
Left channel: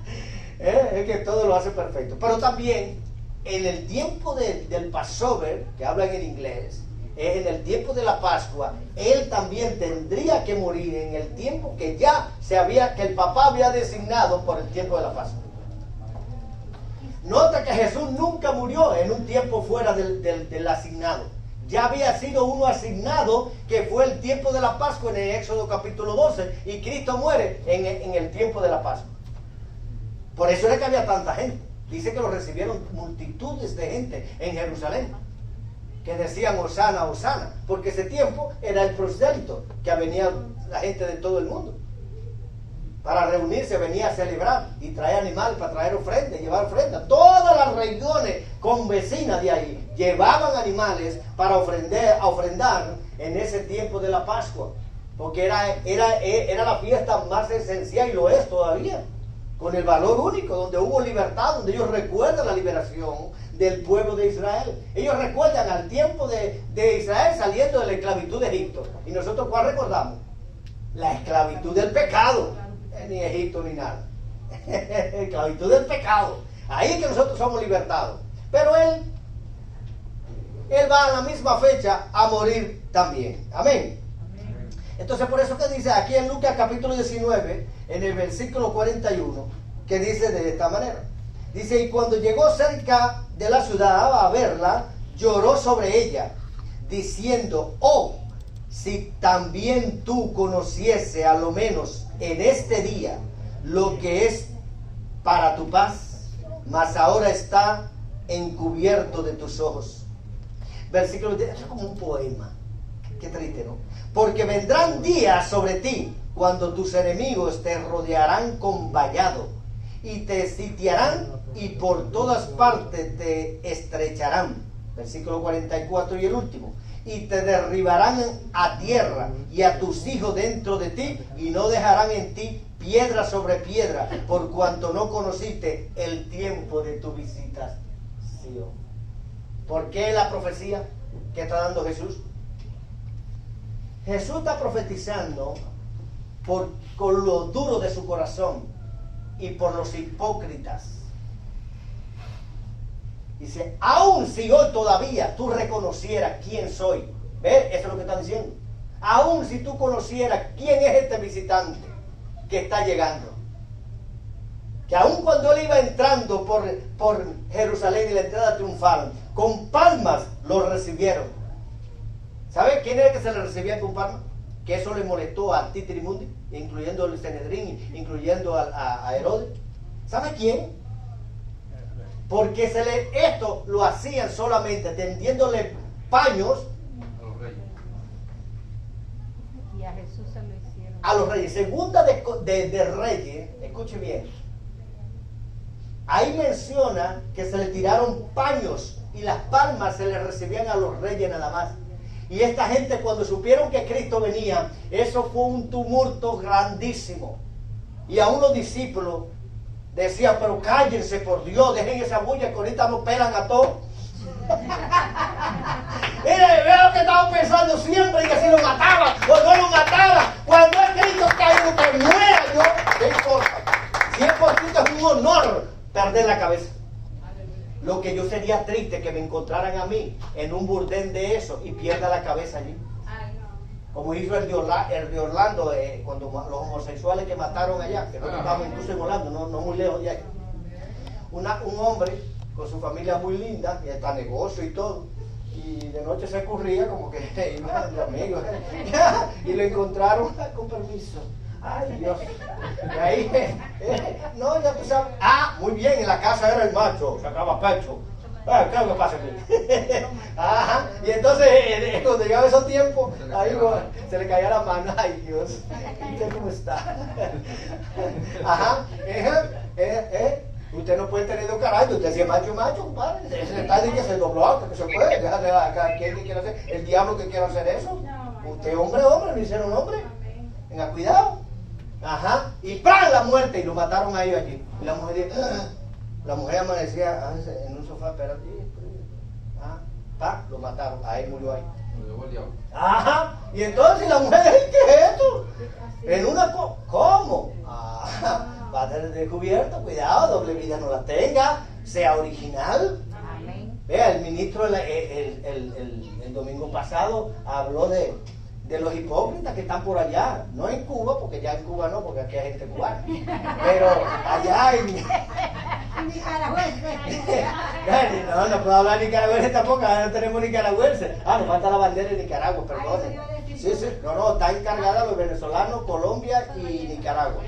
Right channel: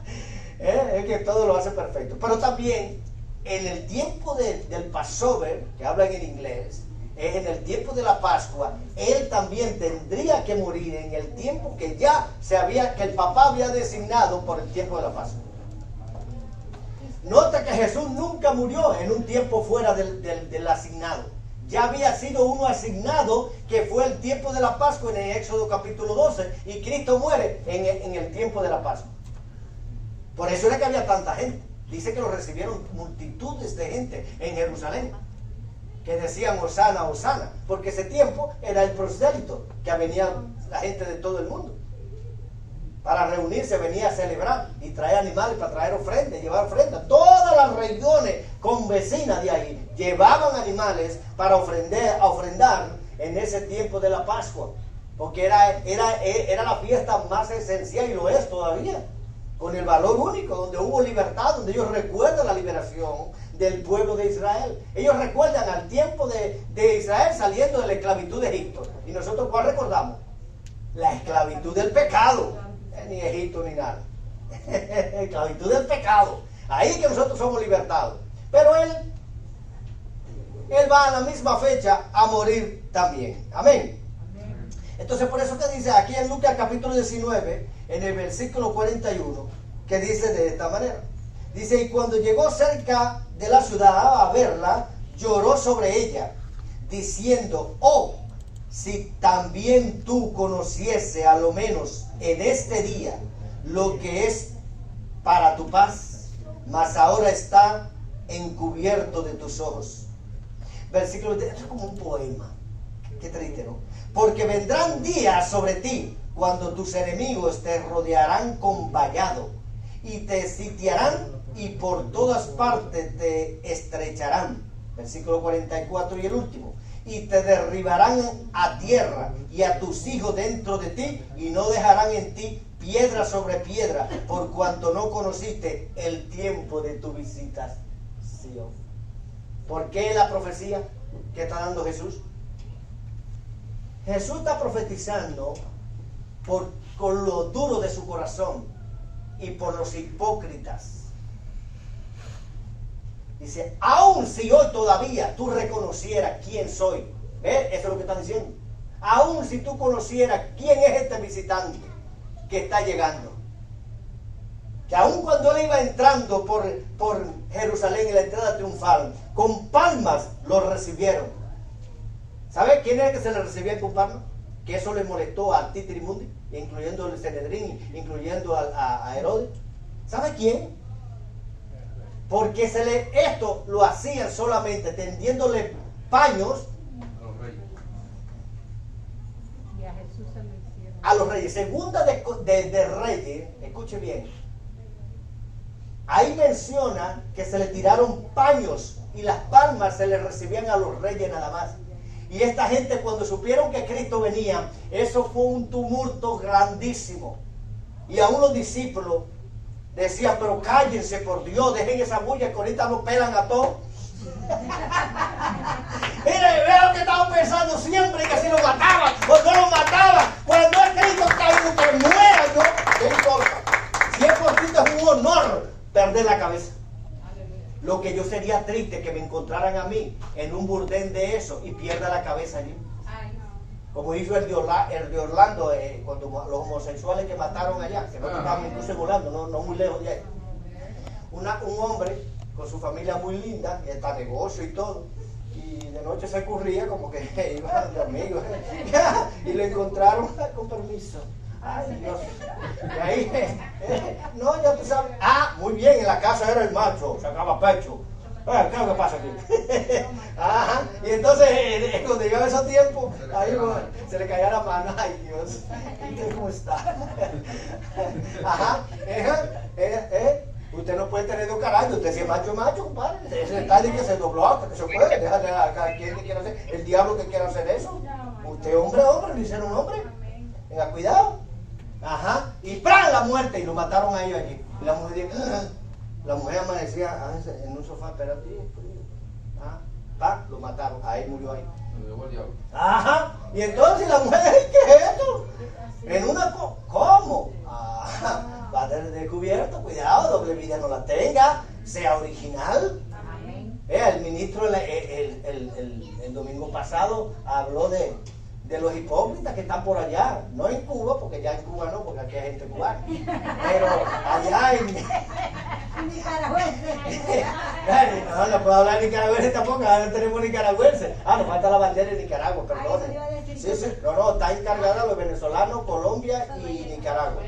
Es que todo lo hace perfecto. Pero también en el tiempo del Passover, que hablan en inglés, es en el tiempo de la Pascua, él también tendría que morir en el tiempo que que el papá había designado por el tiempo de la Pascua. Nota que Jesús nunca murió en un tiempo fuera del asignado. Ya había sido uno asignado, que fue el tiempo de la Pascua en el Éxodo capítulo 12, y Cristo muere en el tiempo de la Pascua. Por eso era que había tanta gente. Dice que lo recibieron multitudes de gente en Jerusalén, que decían Hosana, Hosana, porque ese tiempo era el prosélito, que venía la gente de todo el mundo para reunirse, venía a celebrar y traer animales para traer ofrendas, llevar ofrendas. Todas las regiones convecinas de ahí llevaban animales para ofrendar en ese tiempo de la Pascua, porque era la fiesta más esencial, y lo es todavía, con el valor único, donde hubo libertad, donde ellos recuerdan la liberación del pueblo de Israel. Ellos recuerdan al tiempo de Israel saliendo de la esclavitud de Egipto. ¿Y nosotros cuál recordamos? La esclavitud del pecado. Ni Egipto ni nada. Esclavitud del pecado. Ahí que nosotros somos libertados. Pero él va a la misma fecha a morir también. Amén. Entonces por eso que dice aquí en Lucas capítulo 19, en el versículo 41, que dice de esta manera. Dice, y cuando llegó cerca de la ciudad a verla, lloró sobre ella, diciendo, oh, si también tú conociese a lo menos en este día lo que es para tu paz, mas ahora está encubierto de tus ojos. Versículo, esto es como un poema. Qué triste, ¿no? Porque vendrán días sobre ti cuando tus enemigos te rodearán con vallado y te sitiarán y por todas partes te estrecharán. Versículo 44 y el último. Y te derribarán a tierra y a tus hijos dentro de ti, y no dejarán en ti piedra sobre piedra, por cuanto no conociste el tiempo de tu visitación. ¿Por qué la profecía que está dando Jesús? Jesús está profetizando con lo duro de su corazón y por los hipócritas. Dice, aun si hoy todavía tú reconocieras quién soy. ¿Ves? Eso es lo que está diciendo. Aun si tú conocieras quién es este visitante que está llegando. Que aun cuando él iba entrando por Jerusalén en la entrada triunfal, con palmas lo recibieron. ¿Sabe quién era el que se le recibía con palmas? Que eso le molestó a Titirimundi, incluyendo el Sanedrín, incluyendo a Herodes. ¿Sabe quién? Porque esto lo hacían solamente tendiéndole paños y a Jesús se lo hicieron. A los reyes. Segunda de Reyes, escuche bien. Ahí menciona que se le tiraron paños y las palmas se le recibían a los reyes nada más. Y esta gente, cuando supieron que Cristo venía, eso fue un tumulto grandísimo. Y aún los discípulos decían, pero cállense por Dios, dejen esa bulla que ahorita nos pelan a todos. Mira, veo lo que estaban pensando siempre, que si lo mataban o no lo mataban. Cuando es Cristo que muera yo, ¿qué importa? Si es por Cristo es un honor perder la cabeza. Lo que yo sería triste que me encontraran a mí en un burdel de eso y pierda la cabeza allí. Como hizo el de Orlando, cuando los homosexuales que mataron allá, que no estaban incluso en Orlando, no muy lejos de ahí. Un hombre con su familia muy linda, y hasta negocio y todo, y de noche se escurría como que iba de amigos, y lo encontraron con permiso. Ay, Dios. Y ahí, no, ya tú sabes. Ah, muy bien, en la casa era el macho, sacaba pecho. ¿Qué es lo que pasa aquí? Ajá. Y entonces, cuando llegaba esos tiempos, ahí se le caía la mano. Ay, Dios. ¿Usted cómo está? Ajá. Usted no puede tener dos carayos. Usted si es macho, compadre. Ese está de que se dobló, que se puede. Déjale a quien que quiera hacer. El diablo que quiera hacer eso. Usted, hombre, lo hicieron hombre. Venga, cuidado. Ajá. Y ¡pran! La muerte. Y lo mataron a ellos aquí. Y la mujer dijo, la mujer amanecía en un sofá, pero lo mataron, ahí murió ahí. Ajá. Y entonces la mujer, ¿qué es esto? En una ¿cómo? Va a tener descubierto, cuidado, doble vida no la tenga, sea original. Vea, el ministro el domingo pasado habló de los hipócritas que están por allá, no en Cuba, porque ya en Cuba no, porque aquí hay gente cubana, pero allá en no puedo hablar nicaragüense tampoco, ahora no tenemos nicaragüenses, nos falta la bandera de Nicaragua, perdón. Sí, no, está encargada los venezolanos, Colombia y Nicaragua.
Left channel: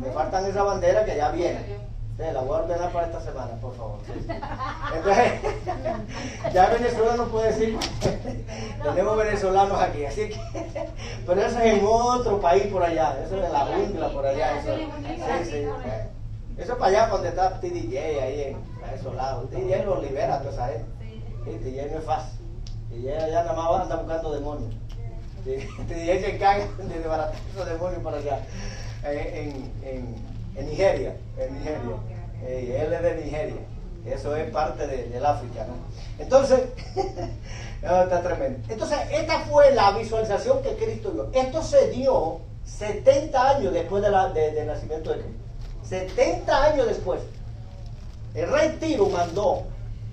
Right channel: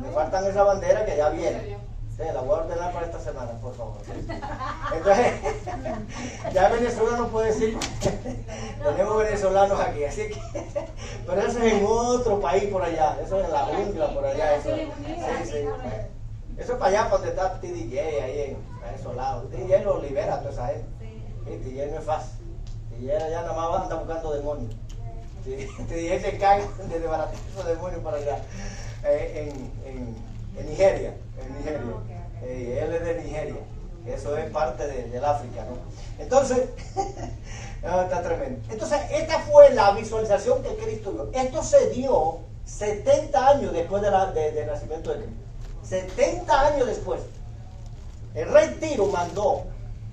Me faltan esa bandera que ya viene. Sí, la voy a ordenar para esta semana, por favor. Entonces, ya venezolano puede decir, tenemos venezolanos aquí, así que, pero eso es en otro país por allá, eso es en la jungla por allá, eso, sí. Eso es para allá, para donde está TDJ, ahí en esos lados. TDJ lo libera a toda esa gente. Sí, TDJ no es fácil. TDJ allá nada más anda buscando demonios. TDJ se encarga de desbaratar esos demonios para allá, en Nigeria. Él es de Nigeria. Eso es parte del África, ¿no? Entonces, no, está tremendo. Entonces, esta fue la visualización que Cristo dio. Esto se dio 70 años después del nacimiento de Cristo. 70 años después. El rey Tiro mandó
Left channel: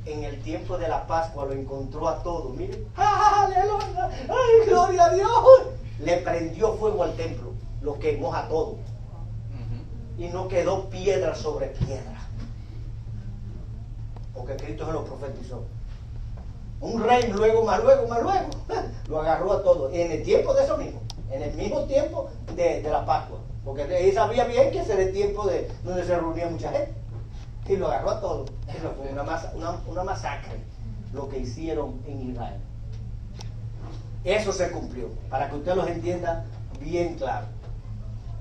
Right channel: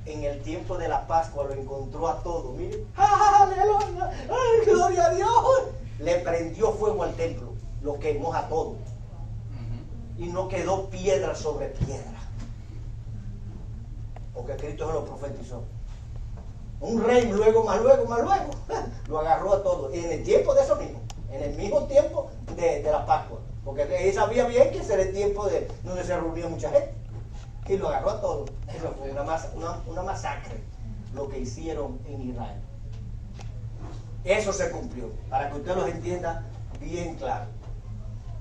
en el tiempo de la Pascua, lo encontró a todo. Miren, aleluya, ay, gloria a Dios. Le prendió fuego al templo, lo quemó a todo. Y no quedó piedra sobre piedra. Porque Cristo se lo profetizó. Un rey más luego, lo agarró a todo. En el tiempo de eso mismo. En el mismo tiempo de la Pascua. Porque él sabía bien que ese era el tiempo donde se reunía mucha gente. Y lo agarró a todo. Eso fue una masacre, lo que hicieron en Israel. Eso se cumplió. Para que usted los entienda bien claro.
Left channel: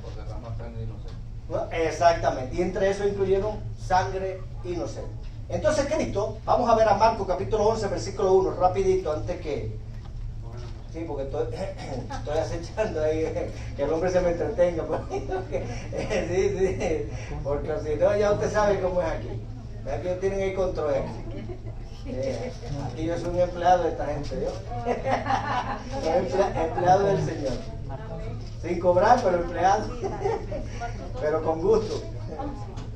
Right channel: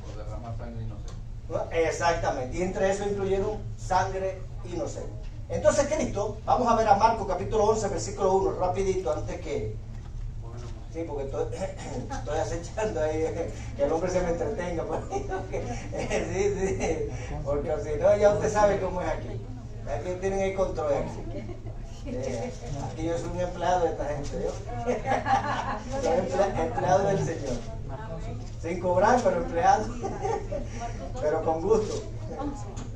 Por derramar sangre inocente. Exactamente, y entre eso incluyeron sangre inocente. Entonces Cristo, vamos a ver a Marcos capítulo 11, versículo 1, rapidito, antes que... Sí, porque estoy acechando ahí, que el hombre se me entretenga. Sí, porque si no, ya usted sabe cómo es aquí. Aquí tienen el control. Aquí yo soy un empleado de esta gente, ¿yo? Soy empleado del Señor. Sin cobrar, pero empleado. Pero con gusto.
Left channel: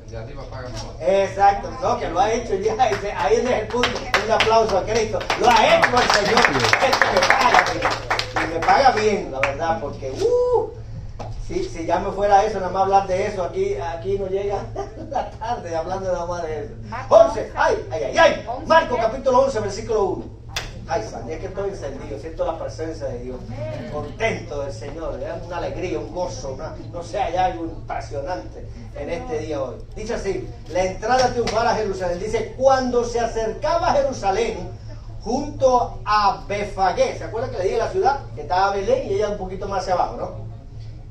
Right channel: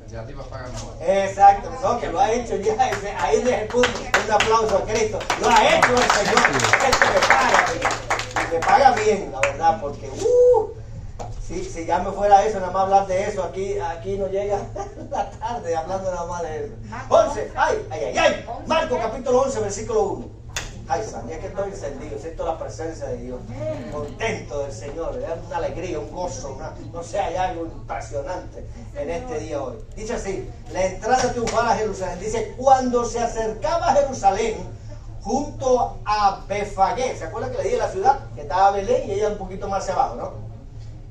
De arriba pagan mejor. Exacto, no, que lo ha hecho ya. Ahí es el punto. Un aplauso a Cristo. Lo ha hecho el Señor. Esto me paga. Y me paga bien, la verdad, porque si ya me fuera eso, nada más hablar de eso, aquí no llega la tarde hablando nada más de eso. 11, ay. Marcos capítulo 11, versículo 1. Ay, San, es que estoy encendido, siento la presencia de Dios, contento del Señor, una alegría, un gozo, no sé, hay algo impresionante en este día hoy. Dice así, la entrada triunfal a Jerusalén, dice, cuando se acercaba a Jerusalén, junto a Befagé, ¿se acuerdan que le dije la ciudad? Que estaba Belén y ella un poquito más hacia abajo, ¿no?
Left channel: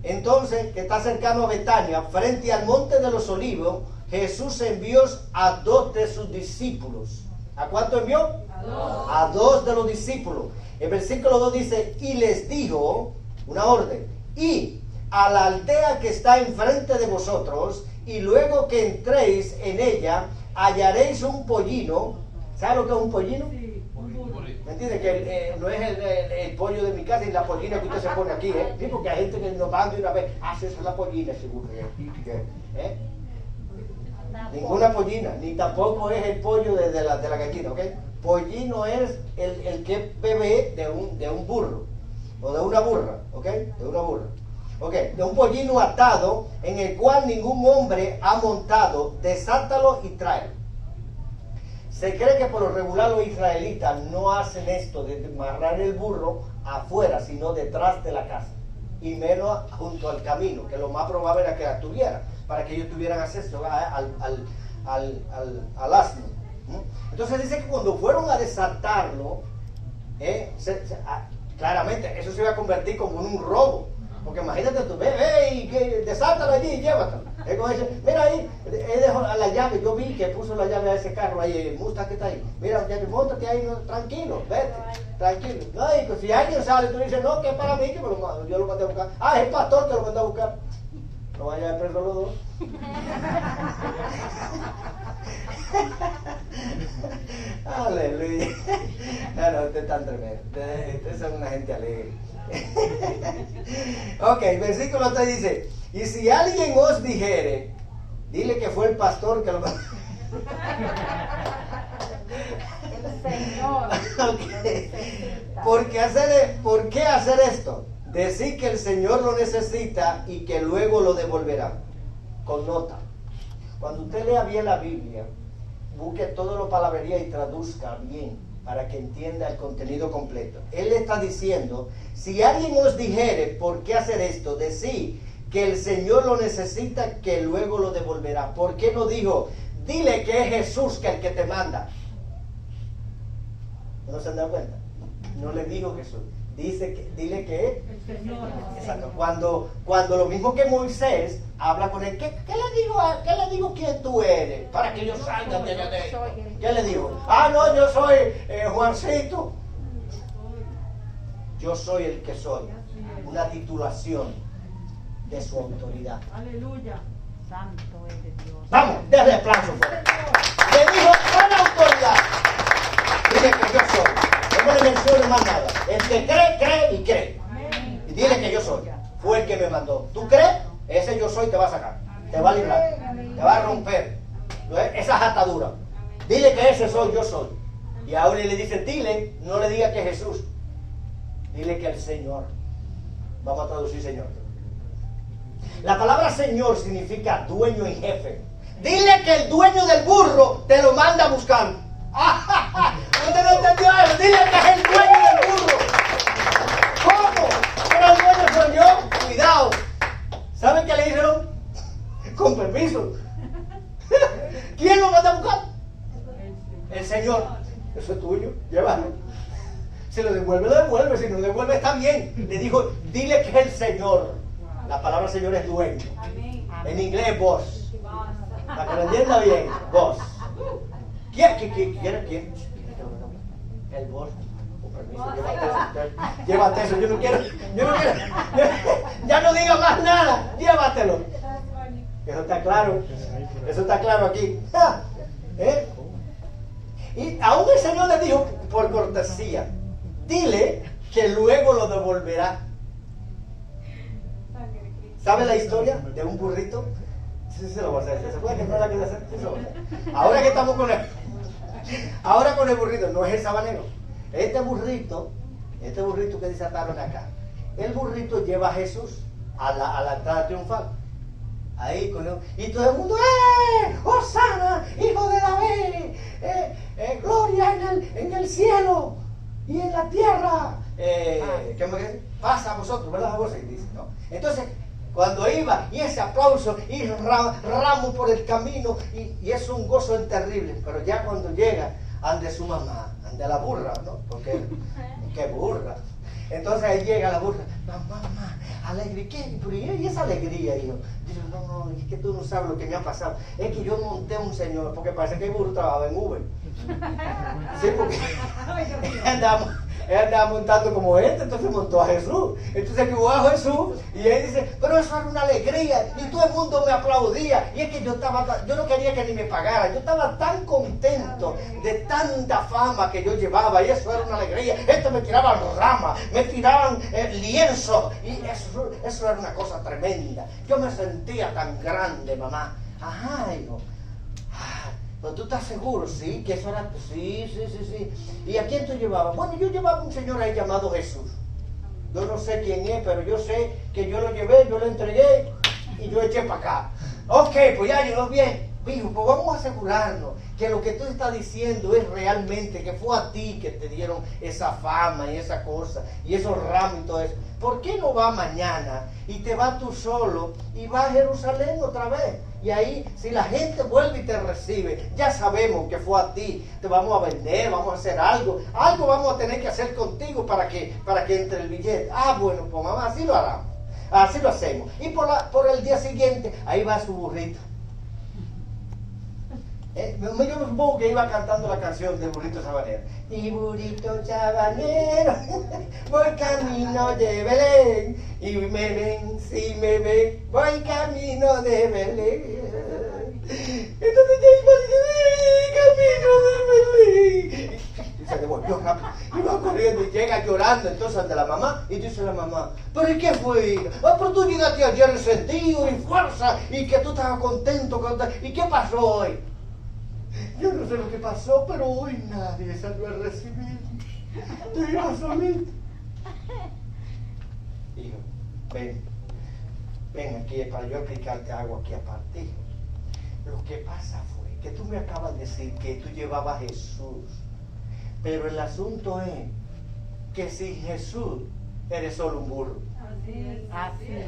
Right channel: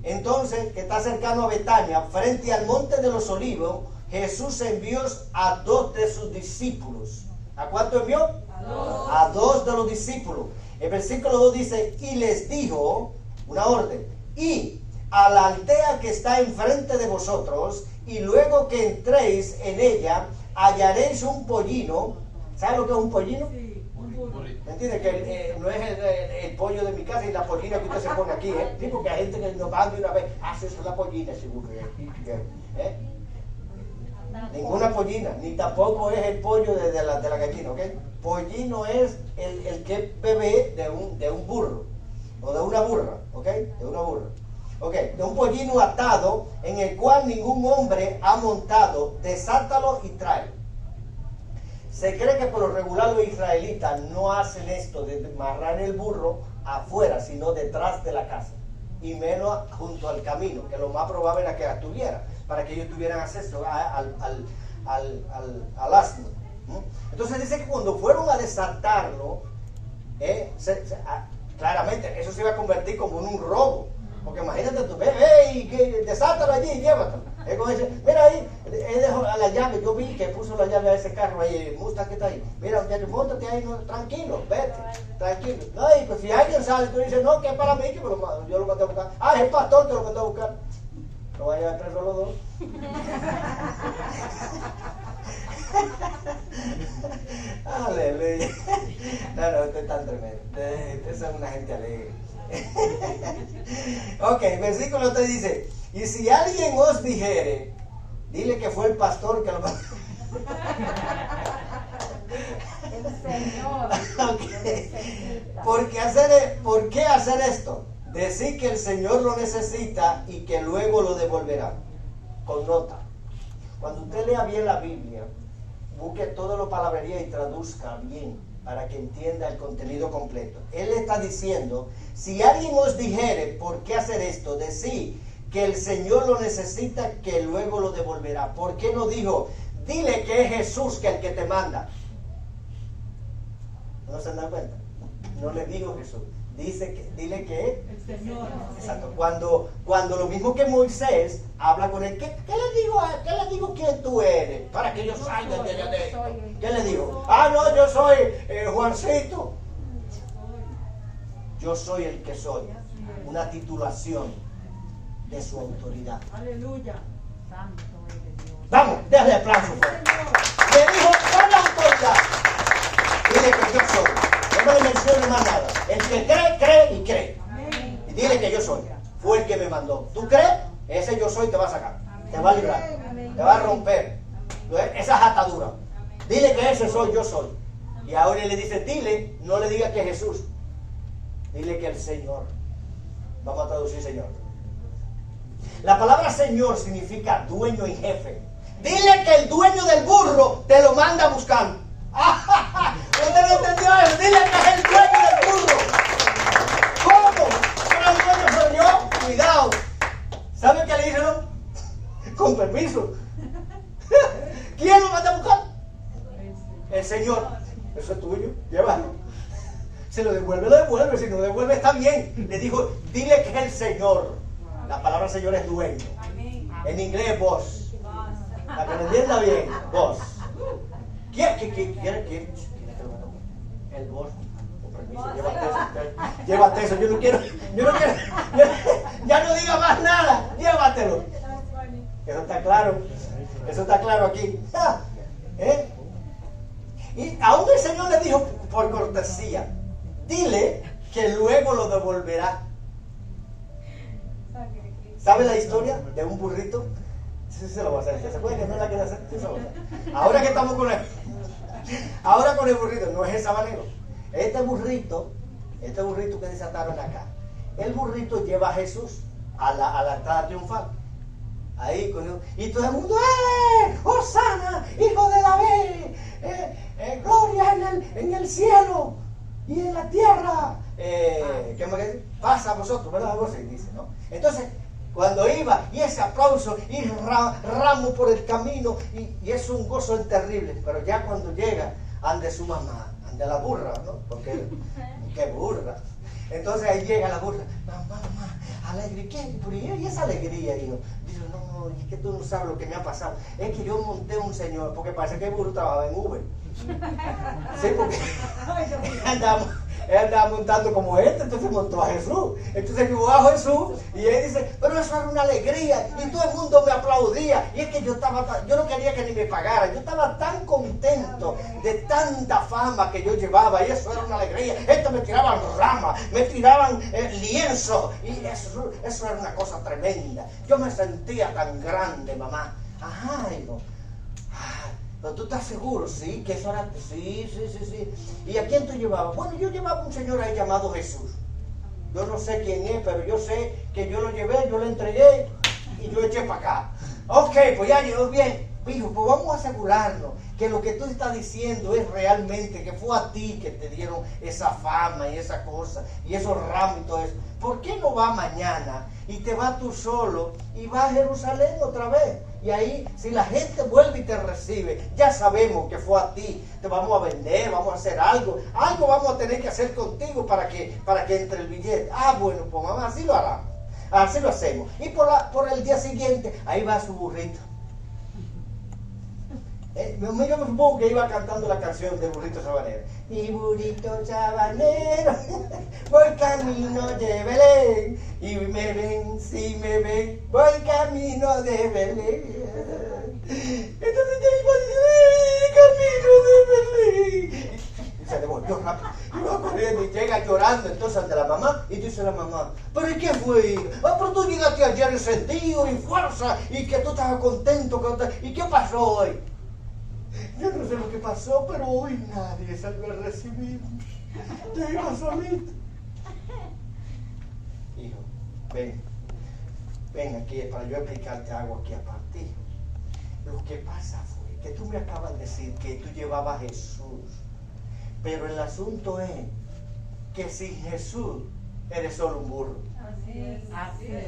Entonces, que está cercano a Betania, frente al monte de los olivos, Jesús envió a 2 de sus discípulos. ¿A cuánto envió? A 2 de los discípulos. El versículo 2 dice, y les dijo una orden, y a la aldea que está enfrente de vosotros, y luego que entréis en ella, hallaréis un pollino. ¿Sabe lo que es un pollino? Sí, un burro. ¿Me entiende? Que no es el pollo de mi casa y la pollina que usted se pone aquí, ¿eh? Sí, porque hay gente que nos van de una vez, eso es la pollina, seguro. ¿Eh? Ninguna pollina, ni tampoco es el pollo de la gallina, ¿ok? Pollino es el que es bebé de un burro, o de una burra, ¿ok? De una burra. ¿Ok? De un pollino atado, en el cual ningún hombre ha montado, desátalo y tráelo. Se cree que por lo regular los israelitas no hacen esto de amarrar el burro afuera, sino detrás de la casa. Y menos junto al camino, que lo más probable era que la tuviera, para que ellos tuvieran acceso al asno. Entonces dice que cuando fueron a desatarlo, claramente eso se iba a convertir como en un robo. Porque imagínate tú, desátalo allí y llévatelo. Es como dice, mira ahí, él dejó la llave, yo vi que puso la llave a ese carro ahí, el Mustang que está ahí. Mira, montate ahí, no, tranquilo, vete, tranquilo. No, y pues si alguien sale, tú dices, no, que es para mí, que yo lo mandé a buscar. Ah, es el pastor que lo mandó a buscar. No vayan a perder los dos. Aleluya. No, usted es tan tremendo. Ustedes son una gente alegre. Ok, versículo 3 dice, y si alguien os dijere, dile que fue el pastor que lo mandó. El Señor. Okay. ¿Por qué hacer esto? Decir que el Señor lo necesita y que luego lo devolverá. Con nota. Cuando usted lea bien la Biblia, busque todo lo palabrería y traduzca bien para que entienda el contenido completo. Él está diciendo, si alguien os dijere por qué hacer esto, decir que el Señor lo necesita, que luego lo devolverá. ¿Por qué no dijo, dile que es Jesús que el que te manda? ¿No se dan cuenta? No le dijo Jesús. Dile que El Señor. exacto. Cuando lo mismo que Moisés habla con él, ¿qué le digo quién tú eres? Para que yo salga de allá adentro. ¿Qué le digo? Ah, no, yo soy Juancito. Yo soy el que soy. Una titulación de su autoridad. Aleluya. Santo eres Dios. Vamos, déjale aplauso. Le dijo con autoridad. Dile que yo soy. No me le menciones más nada. El que cree, cree y cree. Amén. Y dile que yo soy. Fue el que me mandó. ¿Tú crees? Ese yo soy te va a sacar. Te va a librar. Te va a romper esas ataduras. Dile que ese soy, yo soy. Y ahora le dice, dile, no le diga que es Jesús. Dile que el Señor. Vamos a traducir Señor. La palabra Señor significa dueño y jefe. Dile que el dueño del burro te lo manda a buscar. ¿Usted no entendió eso? Dile que es el dueño del burro. ¿Cómo? ¿Pero el dueño soy yo? Cuidado. ¿Saben qué le dijeron? Con permiso. ¿Quién lo manda a buscar? El Señor. Eso es tuyo. Llévalo. Si lo devuelve, lo devuelve. Si no lo devuelve, está bien. Le dijo, dile que es el Señor. La palabra Señor es dueño. En inglés, boss. Para que lo entienda bien, boss. ¿Quién? El boss. Con permiso, llévate eso. Yo no quiero. Ya no diga más nada. Llévatelo. Eso está claro. Eso está claro aquí. ¿Eh? Y aún el Señor le dijo por cortesía, dile que luego lo devolverá. ¿Sabe la historia de un burrito? Sí, se lo voy a hacer. ¿Se puede que no la quiera hacer? Sí, se lo voy a hacer. Ahora que estamos con el burrito, no es el sabanero. Este burrito que desataron acá, el burrito lleva a Jesús a la entrada triunfal. Ahí con él, y todo el mundo, ¡Hosana, hijo de David! ¡Gloria en el cielo y en la tierra! ¿Qué me dice? Pasa a vosotros, ¿verdad? Algo así dice, ¿no? Entonces, cuando iba, y ese aplauso, y ramo por el camino, y es un gozo terrible, pero ya cuando llega, ande su mamá, ande la burra, ¿no? Porque, ¡qué burra! Entonces ahí llega la burra, mamá, alegre, ¿qué? ¿Y esa alegría, hijo? Dice, no, es que tú no sabes lo que me ha pasado. Es que yo monté a un señor, porque parece que el burro trabajaba en Uber. Sí, porque él andaba montando como entonces montó a Jesús. Entonces que a Jesús, y él dice, pero eso era una alegría, y todo el mundo me aplaudía, y es que yo no quería que ni me pagara, yo estaba tan contento de tanta fama que yo llevaba, y eso era una alegría. Me tiraban ramas, me tiraban lienzos, y eso era una cosa tremenda. Yo me sentía tan grande, mamá. Ajá, hijo. ¿Pero tú estás seguro? Sí, que eso era... Sí. ¿Y a quién tú llevabas? Bueno, yo llevaba a un señor ahí llamado Jesús. Yo no sé quién es, pero yo sé que yo lo llevé, yo lo entregué y yo eché para acá. Ok, pues ya llegó bien. Hijo, pues vamos a asegurarnos que lo que tú estás diciendo es realmente que fue a ti que te dieron esa fama y esa cosa y esos ramos y todo eso. ¿Por qué no va mañana y te vas tú solo y vas a Jerusalén otra vez? Y ahí, si la gente vuelve y te recibe, ya sabemos que fue a ti. Te vamos a vender, vamos a hacer algo vamos a tener que hacer contigo para que entre el billete. Ah, bueno, pues mamá, así lo hará. Así lo hacemos. Y por el día siguiente, ahí va su burrito. Yo me supongo que iba cantando la canción de Burrito Sabanero. Y burrito sabanero, voy camino de Belén. Y me ven, si me ven, voy camino de Belén. Entonces ya iba camino de Belén. Y se devolvió rápido. Y va corriendo y llega llorando entonces ante la mamá. Y dice la mamá, ¿pero y qué fue? Pero tú llegaste ayer encendido y fuerza. Y que tú estabas contento. ¿Y qué pasó hoy? Yo no sé lo que pasó, pero hoy nadie salió a recibir. Tú ibas solito. Hijo, ven aquí para yo explicarte algo aquí aparte, hijo. Lo que pasa fue que tú me acabas de decir que tú llevabas a Jesús. Pero el asunto es que sin Jesús eres solo un burro. Así es. Así es.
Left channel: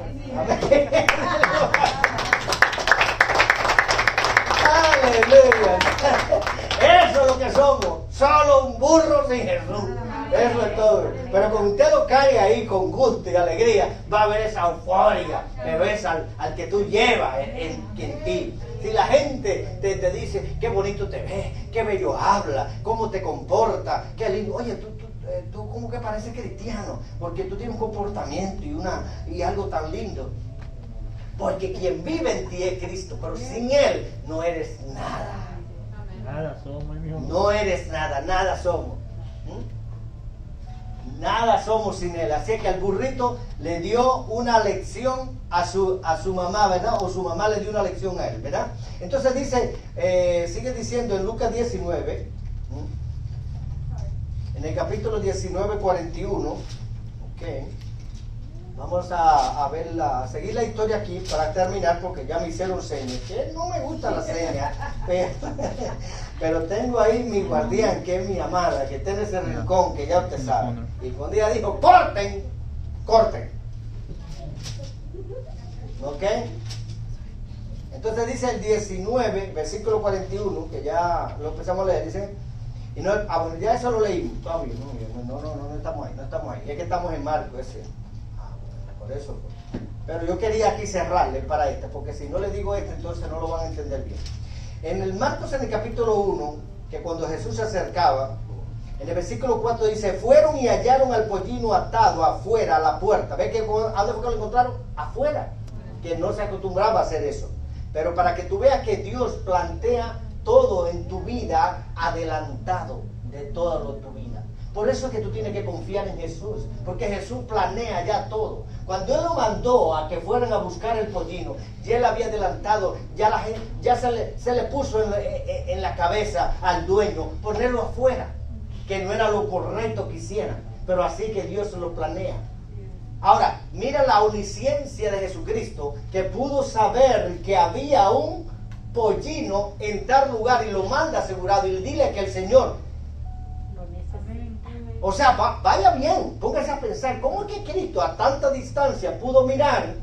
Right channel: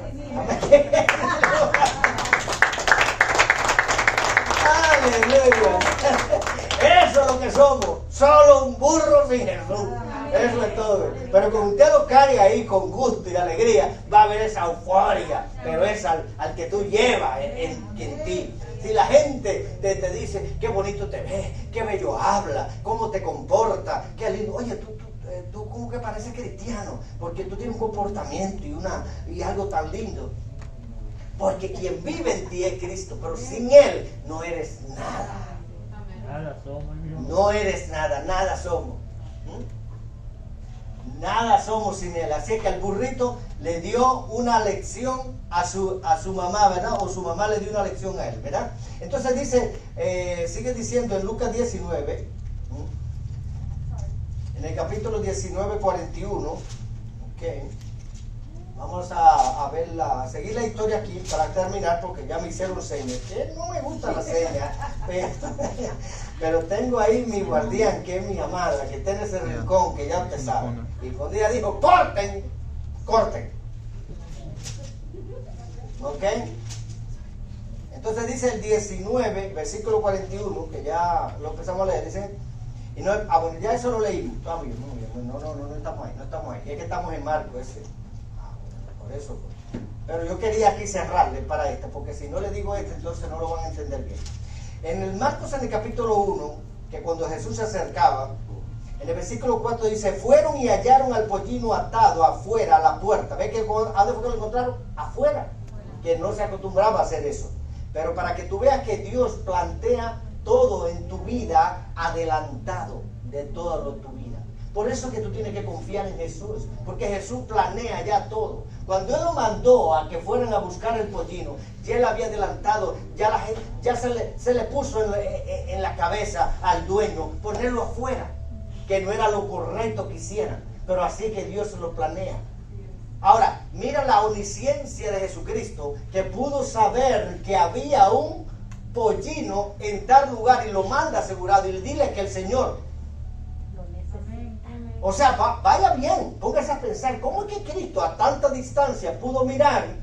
Aleluya. Eso es lo que somos. Solo un burro sin Jesús. Eso es todo. Pero cuando usted lo carga ahí con gusto y alegría, va a ver esa euforia. Pero es al que tú llevas en ti. Si la gente te dice, qué bonito te ves, qué bello habla, cómo te comporta, qué lindo. Oye, tú como que pareces cristiano, porque tú tienes un comportamiento y algo tan lindo. Porque quien vive en ti es Cristo, pero sin Él no eres nada. Nada somos, hijo. No eres nada, nada somos. Nada somos sin Él. Así que el burrito le dio una lección a su mamá, ¿verdad? O su mamá le dio una lección a él, ¿verdad? Entonces dice, sigue diciendo en Lucas 19, en el capítulo 19, 41, ok. Vamos a seguir la historia aquí para terminar, porque ya me hicieron señas. Que no me gusta la seña, pero tengo ahí mi guardián, que es mi amada, que está en ese rincón, que ya usted sabe. Y un día dijo, corten. ¿Ok? Entonces dice el 19, versículo 41, que ya lo empezamos a leer, dice, y no, bueno, ya eso lo leímos. No estamos ahí. Es que estamos en Marcos ese. Por eso. Pero yo quería aquí cerrarle para porque si no le digo entonces no lo van a entender bien. En el Marcos, en el capítulo 1, que cuando Jesús se acercaba, en el versículo 4 dice, fueron y hallaron al pollino atado afuera a la puerta. ¿Ves que a dónde fue que lo encontraron? Afuera. Que no se acostumbraba a hacer eso. Pero para que tú veas que Dios plantea todo en tu vida adelantado de toda tu vida. Por eso es que tú tienes que confiar en Jesús, porque Jesús planea ya todo. Cuando Él lo mandó a que fueran a buscar el pollino, ya Él había adelantado, ya la gente, ya se le puso en la cabeza al dueño ponerlo afuera, que no era lo correcto que hicieran, pero así que Dios lo planea. Ahora, mira la omnisciencia de Jesucristo, que pudo saber que había un pollino en tal lugar y lo manda asegurado y le dile que el Señor, o sea, vaya bien, póngase a pensar, ¿cómo es que Cristo a tanta distancia pudo mirar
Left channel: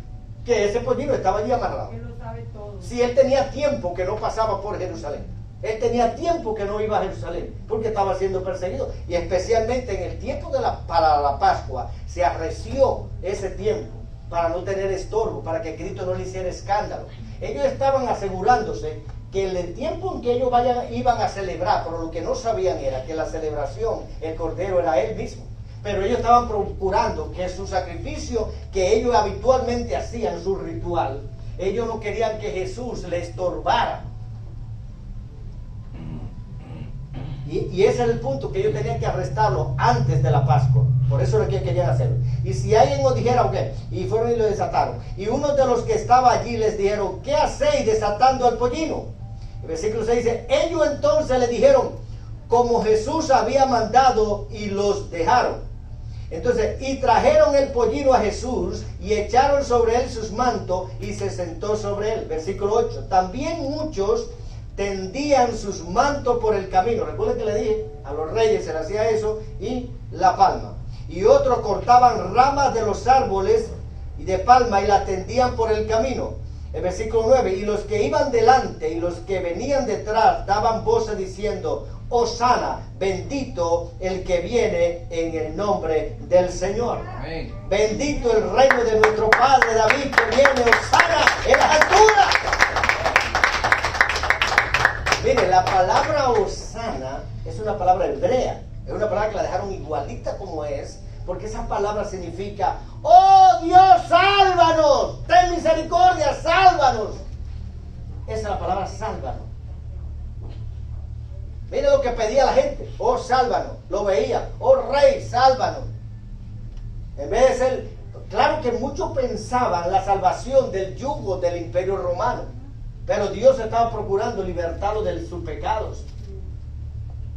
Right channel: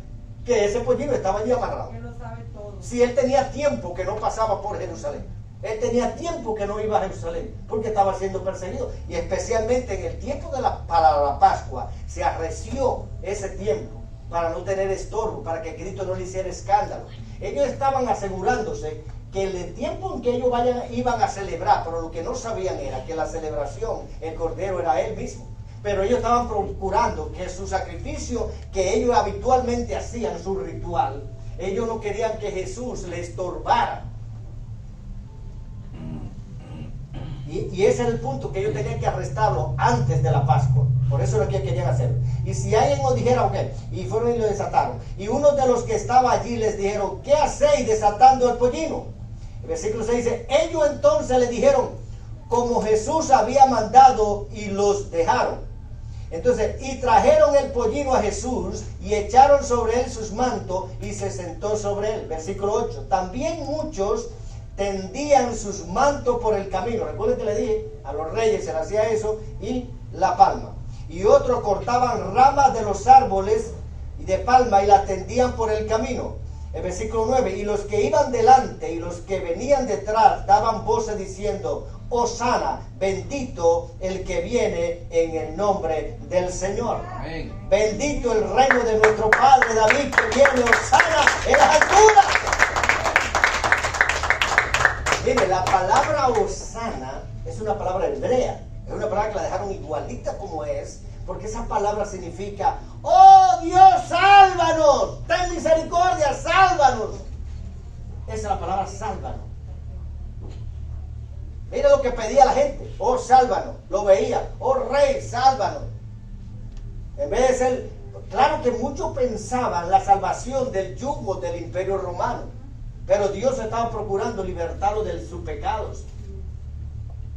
que ese pollino estaba allí amarrado? Él lo sabe todo. Si Él tenía tiempo que no pasaba por Jerusalén, Él tenía tiempo que no iba a Jerusalén, porque estaba siendo perseguido, y especialmente en el tiempo para la Pascua, se arreció ese tiempo, para no tener estorbo, para que Cristo no le hiciera escándalo. Ellos estaban asegurándose que en el tiempo en que ellos iban a celebrar, pero lo que no sabían era que la celebración, el Cordero era Él mismo. Pero ellos estaban procurando que su sacrificio que ellos habitualmente hacían, su ritual, ellos no querían que Jesús le estorbara. Y ese es el punto, que ellos tenían que arrestarlo antes de la Pascua. Por eso es lo que querían hacer. Y si alguien nos dijera, ok, y fueron y lo desataron. Y uno de los que estaba allí les dijeron, ¿qué hacéis desatando al pollino? El versículo 6 dice, ellos entonces le dijeron, como Jesús había mandado, y los dejaron. Entonces, y trajeron el pollino a Jesús, y echaron sobre él sus mantos, y se sentó sobre él. Versículo 8, también muchos tendían sus mantos por el camino. Recuerden que le dije, a los reyes se le hacía eso, y la palma. Y otros cortaban ramas de los árboles y de palma y la tendían por el camino. El versículo 9, y los que iban delante y los que venían detrás daban voces diciendo, Hosana, bendito el que viene en el nombre del Señor. Amén. Bendito el reino de nuestro Padre David, que viene, Hosana en las alturas. Mire, la palabra Hosana es una palabra hebrea. Es una palabra que la dejaron igualita como es, porque esa palabra significa, ¡oh Dios, sálvanos! ¡Ten misericordia, sálvanos! Esa es la palabra sálvanos. Mira lo que pedía la gente, ¡oh, sálvanos! Lo veía, ¡oh, rey, sálvanos! En vez de ser, claro que muchos pensaban la salvación del yugo del Imperio Romano, pero Dios estaba procurando libertarlos de sus pecados.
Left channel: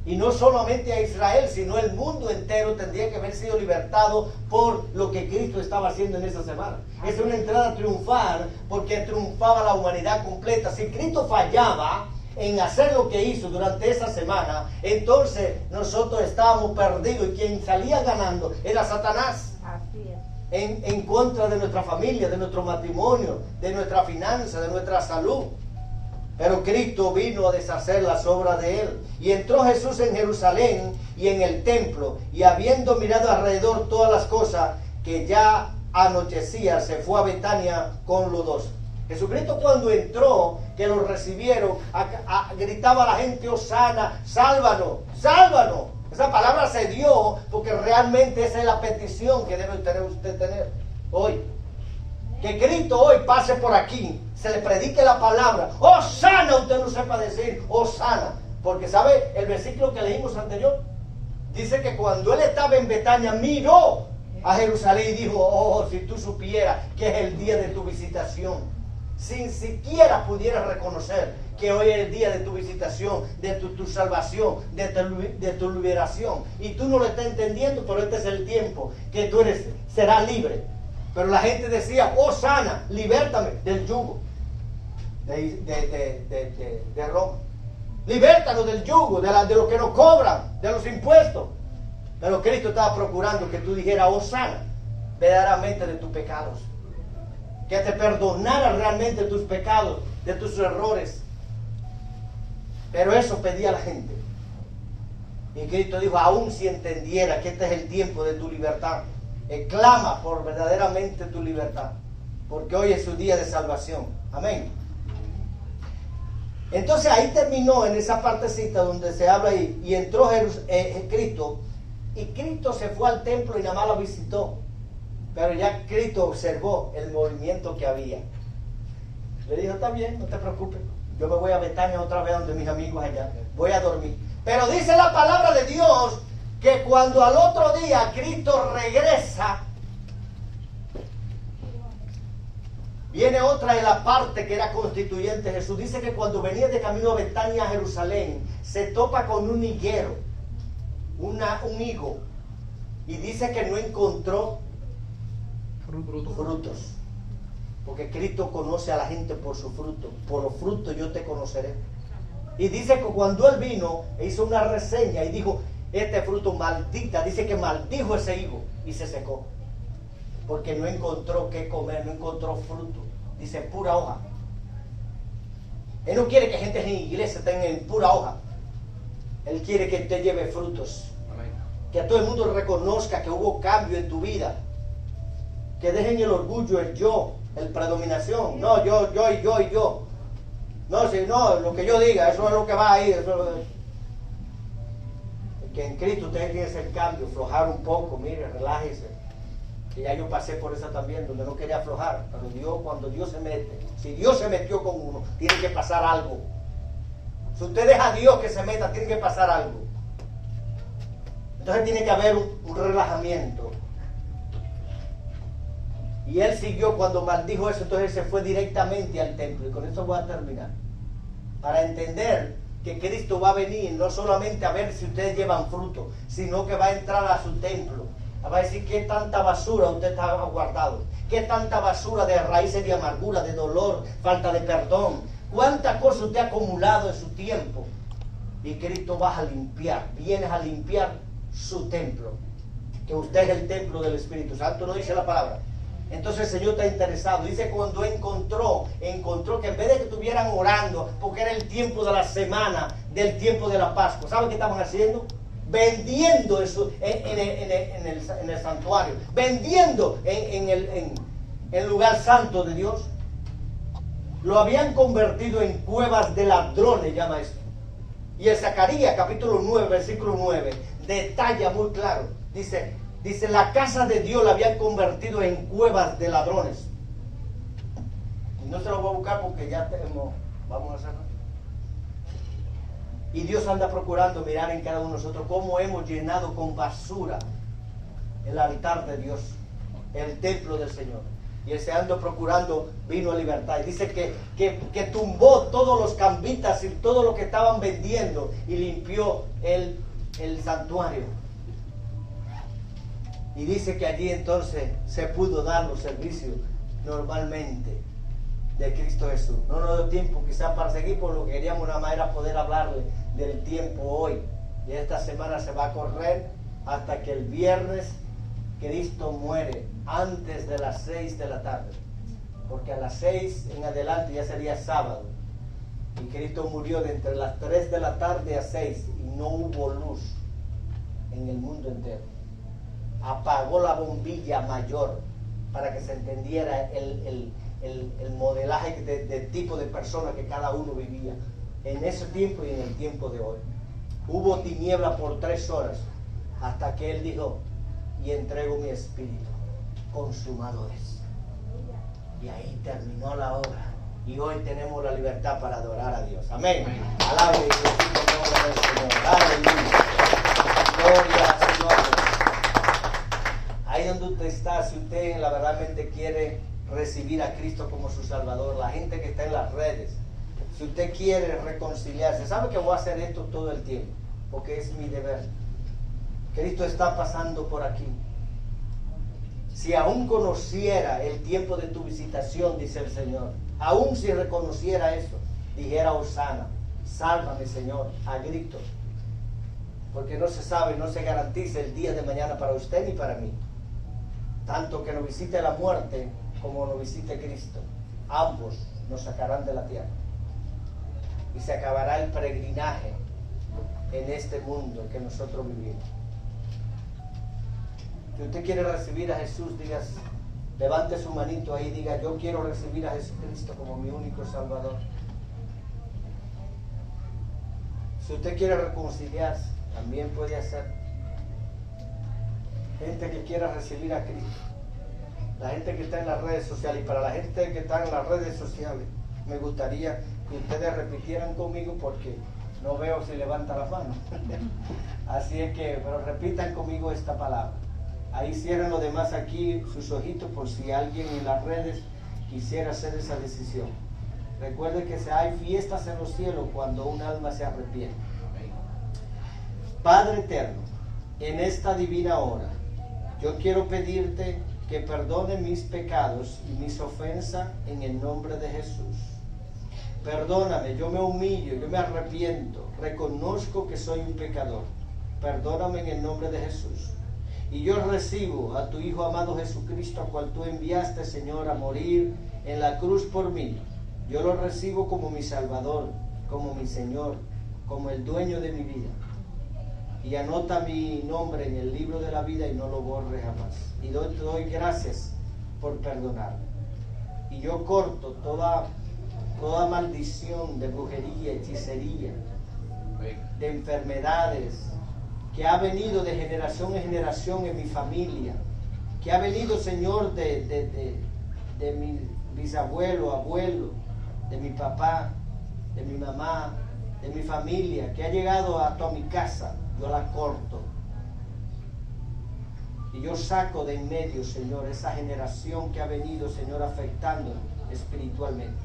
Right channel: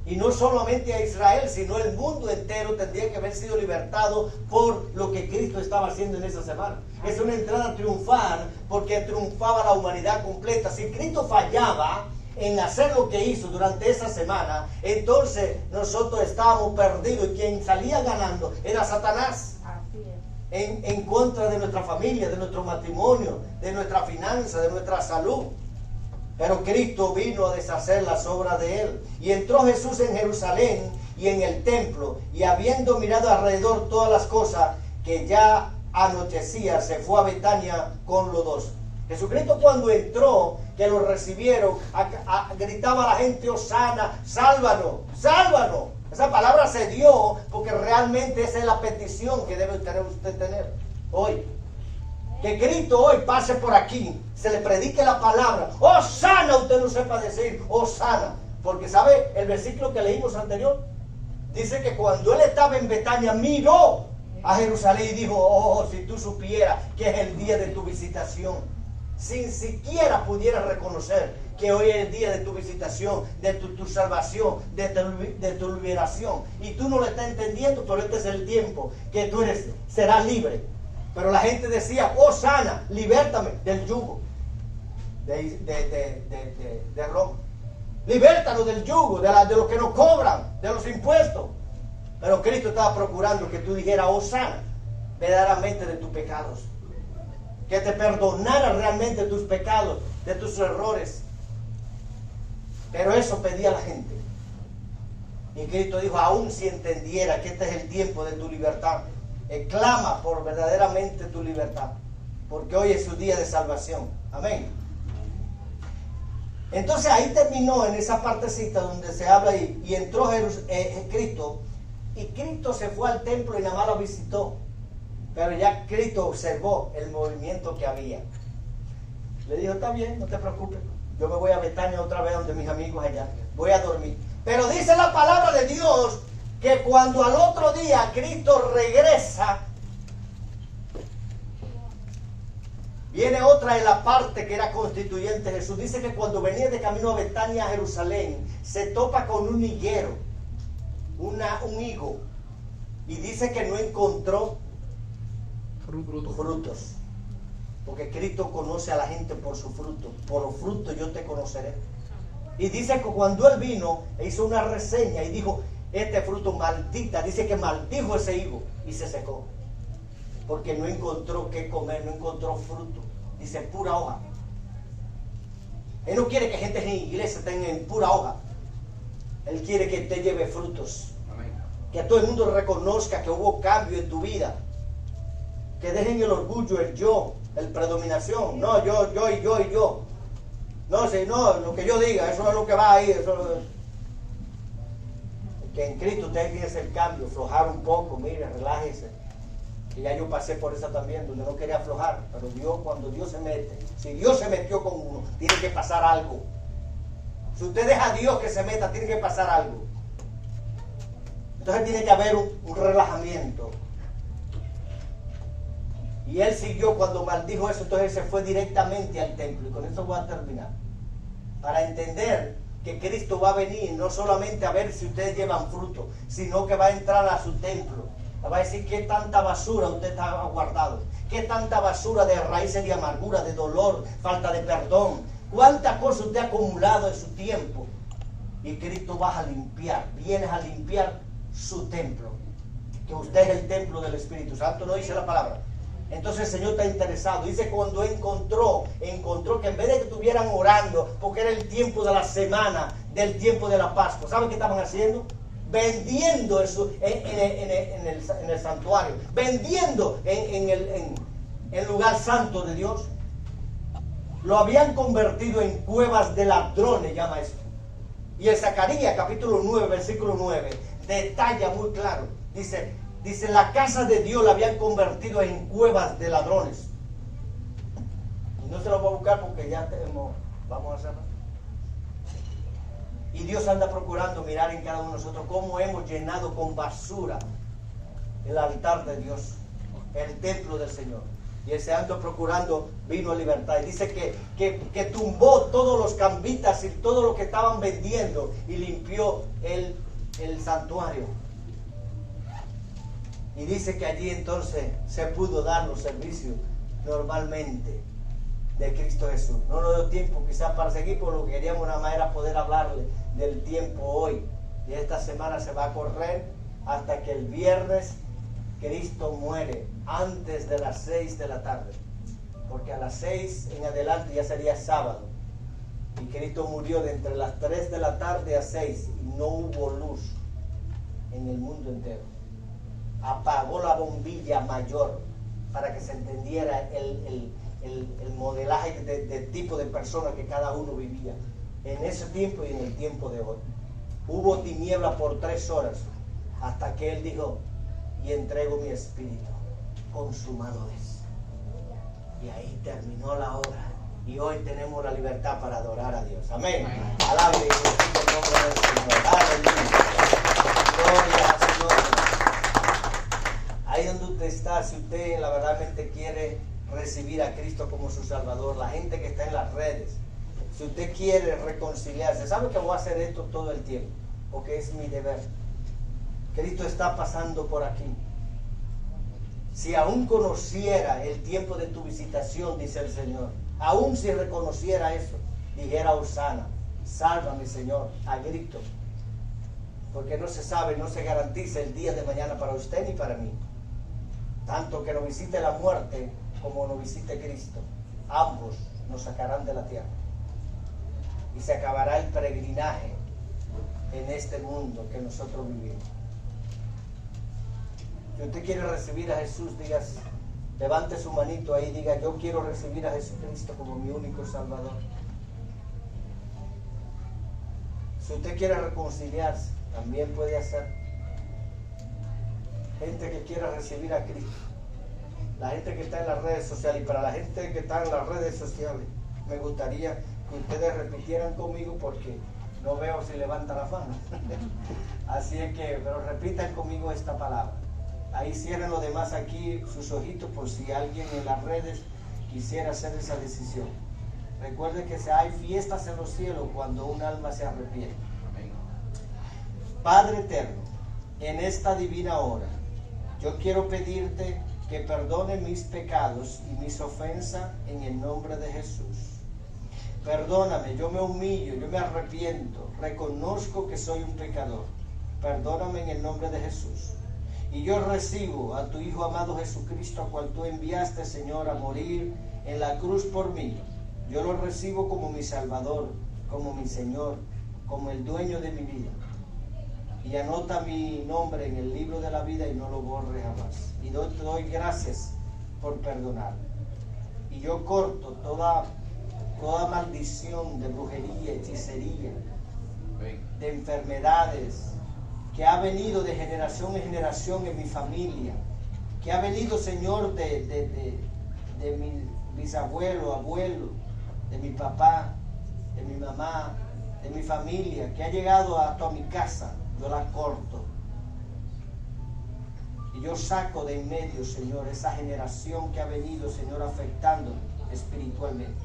Y no solamente a Israel, sino el mundo entero tendría que haber sido libertado por lo que Cristo estaba haciendo en esa semana. Es una entrada triunfal, porque triunfaba la humanidad completa. Si Cristo fallaba en hacer lo que hizo durante esa semana, entonces nosotros estábamos perdidos, y quien salía ganando era Satanás. en contra de nuestra familia, de nuestro matrimonio, de nuestra finanza, de nuestra salud. Pero Cristo vino a deshacer las obras de él. Y entró Jesús en Jerusalén y en el templo, y habiendo mirado alrededor todas las cosas, que ya anochecía, se fue a Betania con los 12. Jesucristo, cuando entró, que lo recibieron, gritaba a la gente: Hosana, sálvanos, sálvanos. Esa palabra se dio porque realmente esa es la petición que debe usted tener hoy. Que Cristo hoy pase por aquí, se le predique la palabra. Hosana, usted no sepa decir Hosana, porque sabe el versículo que leímos anterior, dice que cuando él estaba en Betania, miró a Jerusalén y dijo: oh, si tú supieras que es el día de tu visitación, sin siquiera pudieras reconocer que hoy es el día de tu visitación, de tu salvación, de tu liberación, y tú no lo estás entendiendo, pero este es el tiempo que tú serás libre. Pero la gente decía: oh, sana, libértame del yugo de Roma, libértanos del yugo, de los que nos cobran, de los impuestos. Pero Cristo estaba procurando que tú dijeras: oh, sana, verdaderamente de tus pecados, que te perdonara realmente tus pecados, de tus errores. Pero eso pedía la gente. Y Cristo dijo: aún si entendiera que este es el tiempo de tu libertad, clama por verdaderamente tu libertad, porque hoy es su día de salvación. Amén. Entonces ahí terminó en esa partecita donde se habla ahí, y entró Cristo, y Cristo se fue al templo y nada más lo visitó. Pero ya Cristo observó el movimiento que había. Le dijo: está bien, no te preocupes, yo me voy a Betania otra vez donde mis amigos allá, voy a dormir. Pero dice la palabra de Dios que cuando al otro día Cristo regresa, viene otra de la parte que era constituyente. Jesús dice que cuando venía de camino a Betania, a Jerusalén, se topa con un higuero, un higo, y dice que no encontró frutos, porque Cristo conoce a la gente por su fruto. Por los frutos yo te conoceré. Y dice que cuando él vino, hizo una reseña y dijo: este fruto maldita, dice que maldijo ese higo y se secó, porque no encontró qué comer, no encontró fruto. Dice: pura hoja. Él no quiere que gente en la iglesia tenga en pura hoja. Él quiere que te lleve frutos. Amén. Que todo el mundo reconozca que hubo cambio en tu vida. Que dejen el orgullo, el yo, el predominación. No, yo. No, si no, lo que yo diga, eso es lo que va a ir. Que en Cristo usted tiene que hacer cambio, aflojar un poco, mire, relájese. Que ya yo pasé por esa también, donde no quería aflojar. Pero Dios, cuando Dios se mete, si Dios se metió con uno, tiene que pasar algo. Si usted deja a Dios que se meta, tiene que pasar algo. Entonces tiene que haber un relajamiento. Y él siguió cuando maldijo eso, entonces se fue directamente al templo. Y con eso voy a terminar. Para entender que Cristo va a venir no solamente a ver si ustedes llevan fruto, sino que va a entrar a su templo. Va a decir: qué tanta basura usted está guardado, qué tanta basura de raíces de amargura, de dolor, falta de perdón, cuánta cosa usted ha acumulado en su tiempo. Y Cristo va a limpiar, vienes a limpiar su templo, que usted es el templo del Espíritu Santo, no dice la palabra. Entonces el Señor está interesado. Dice: cuando encontró que en vez de que estuvieran orando, porque era el tiempo de la semana, del tiempo de la Pascua, ¿saben qué estaban haciendo? Vendiendo eso en el santuario, vendiendo en el lugar santo de Dios. Lo habían convertido en cuevas de ladrones, llama esto. Y en Zacarías capítulo 9, versículo 9, detalla muy claro. Dice, la casa de Dios la habían convertido en cuevas de ladrones. Y no se lo voy a buscar porque ya vamos a hacerlo. Y Dios anda procurando mirar en cada uno de nosotros cómo hemos llenado con basura el altar de Dios, el templo del Señor. Y ese ando procurando vino a libertad. Y dice que tumbó todos los cambitas y todo lo que estaban vendiendo y limpió el santuario. Y dice que allí entonces se pudo dar los servicios normalmente de Cristo Jesús. No nos dio tiempo quizás para seguir, por lo que queríamos nada más era poder hablarle del tiempo hoy. Y esta semana se va a correr hasta que el viernes, Cristo muere antes de las 6 de la tarde, porque a las 6 en adelante ya sería sábado, y Cristo murió de entre las 3 de la tarde a 6 y no hubo luz en el mundo entero. Apagó la bombilla mayor para que se entendiera el modelaje de tipo de persona que cada uno vivía en ese tiempo y en el tiempo de hoy. Hubo tiniebla por 3 horas hasta que Él dijo: y entrego mi espíritu, consumado es. Y ahí terminó la obra. Y hoy tenemos la libertad para adorar a Dios. Amén. Alabe y glorifique el nombre del Señor. Aleluya. Gloria al Señor. Ahí donde usted está, si usted la verdadmente quiere recibir a Cristo como su Salvador, la gente que está en las redes, si usted quiere reconciliarse, sabe que voy a hacer esto todo el tiempo, porque es mi deber. Cristo está pasando por aquí. Si aún conociera el tiempo de tu visitación, dice el Señor, aún si reconociera eso, dijera: Hosana, sálvame, Señor, a grito. Porque no se sabe, no se garantiza el día de mañana para usted ni para mí. Tanto que nos visite la muerte como nos visite Cristo, ambos nos sacarán de la tierra. Y se acabará el peregrinaje en este mundo que nosotros vivimos. Si usted quiere recibir a Jesús, digas, levante su manito ahí y diga: yo quiero recibir a Jesucristo como mi único Salvador. Si usted quiere reconciliarse, también puede hacer. Gente que quiera recibir a Cristo, la gente que está en las redes sociales, y para la gente que está en las redes sociales, me gustaría que ustedes repitieran conmigo porque no veo si levanta la mano. Así es que, pero repitan conmigo esta palabra. Ahí cierren los demás aquí sus ojitos por si alguien en las redes quisiera hacer esa decisión. Recuerden que hay fiestas en los cielos cuando un alma se arrepiente. Padre eterno, en esta divina hora, yo quiero pedirte que perdone mis pecados y mis ofensas en el nombre de Jesús. Perdóname, yo me humillo, yo me arrepiento, reconozco que soy un pecador. Perdóname en el nombre de Jesús. Y yo recibo a tu Hijo amado Jesucristo, a cual tú enviaste, Señor, a morir en la cruz por mí. Yo lo recibo como mi Salvador, como mi Señor, como el dueño de mi vida. Y anota mi nombre en el libro de la vida y no lo borre jamás. Y te doy gracias por perdonarme. Y yo corto toda maldición de brujería, hechicería, de enfermedades, que ha venido de generación en generación en mi familia, que ha venido, Señor, de mi bisabuelo, abuelo, de mi papá, de mi mamá, de mi familia, que ha llegado hasta mi casa. Yo la corto. Y yo saco de en medio, Señor, esa generación que ha venido, Señor, afectando espiritualmente.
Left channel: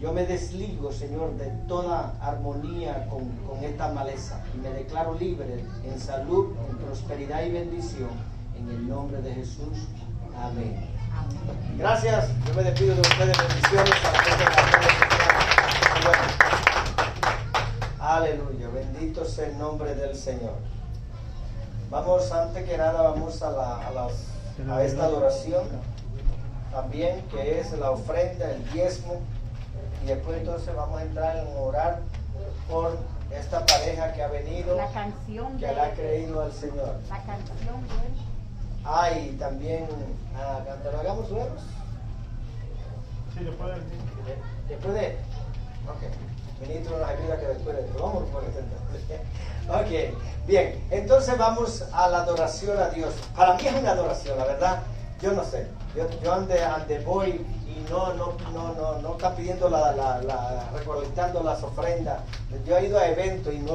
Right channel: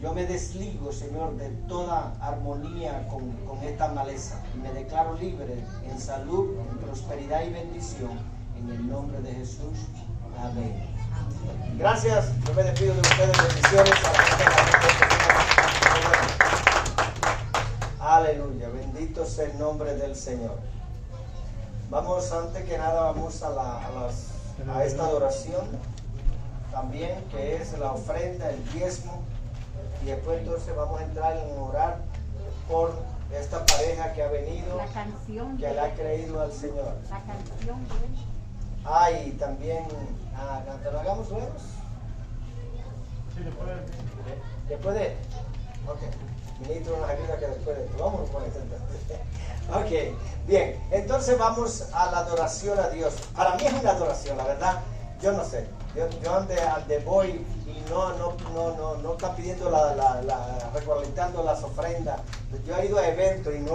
Yo me desligo, Señor, de toda armonía con esta maleza y me declaro libre en salud, en prosperidad y bendición, en el nombre de Jesús. Amén. Gracias. Yo me despido de ustedes. Bendiciones. Aleluya. Bendito sea el nombre del Señor. Vamos, antes que nada, vamos a esta adoración también, que es la ofrenda, el diezmo. Y después entonces vamos a entrar en orar por esta pareja que ha venido, la canción que le ha creído al Señor. La canción de Y también, ¿te lo hagamos luego? Sí, después. Después de. Ok. Ministro nos ayuda que después de esto. Vamos por esto entonces. Ok. Bien. Entonces vamos a la adoración a Dios. Para mí es una adoración, la verdad. Yo no sé. Yo ande voy. No está pidiendo recolectando las ofrendas. Yo he ido a eventos y no lo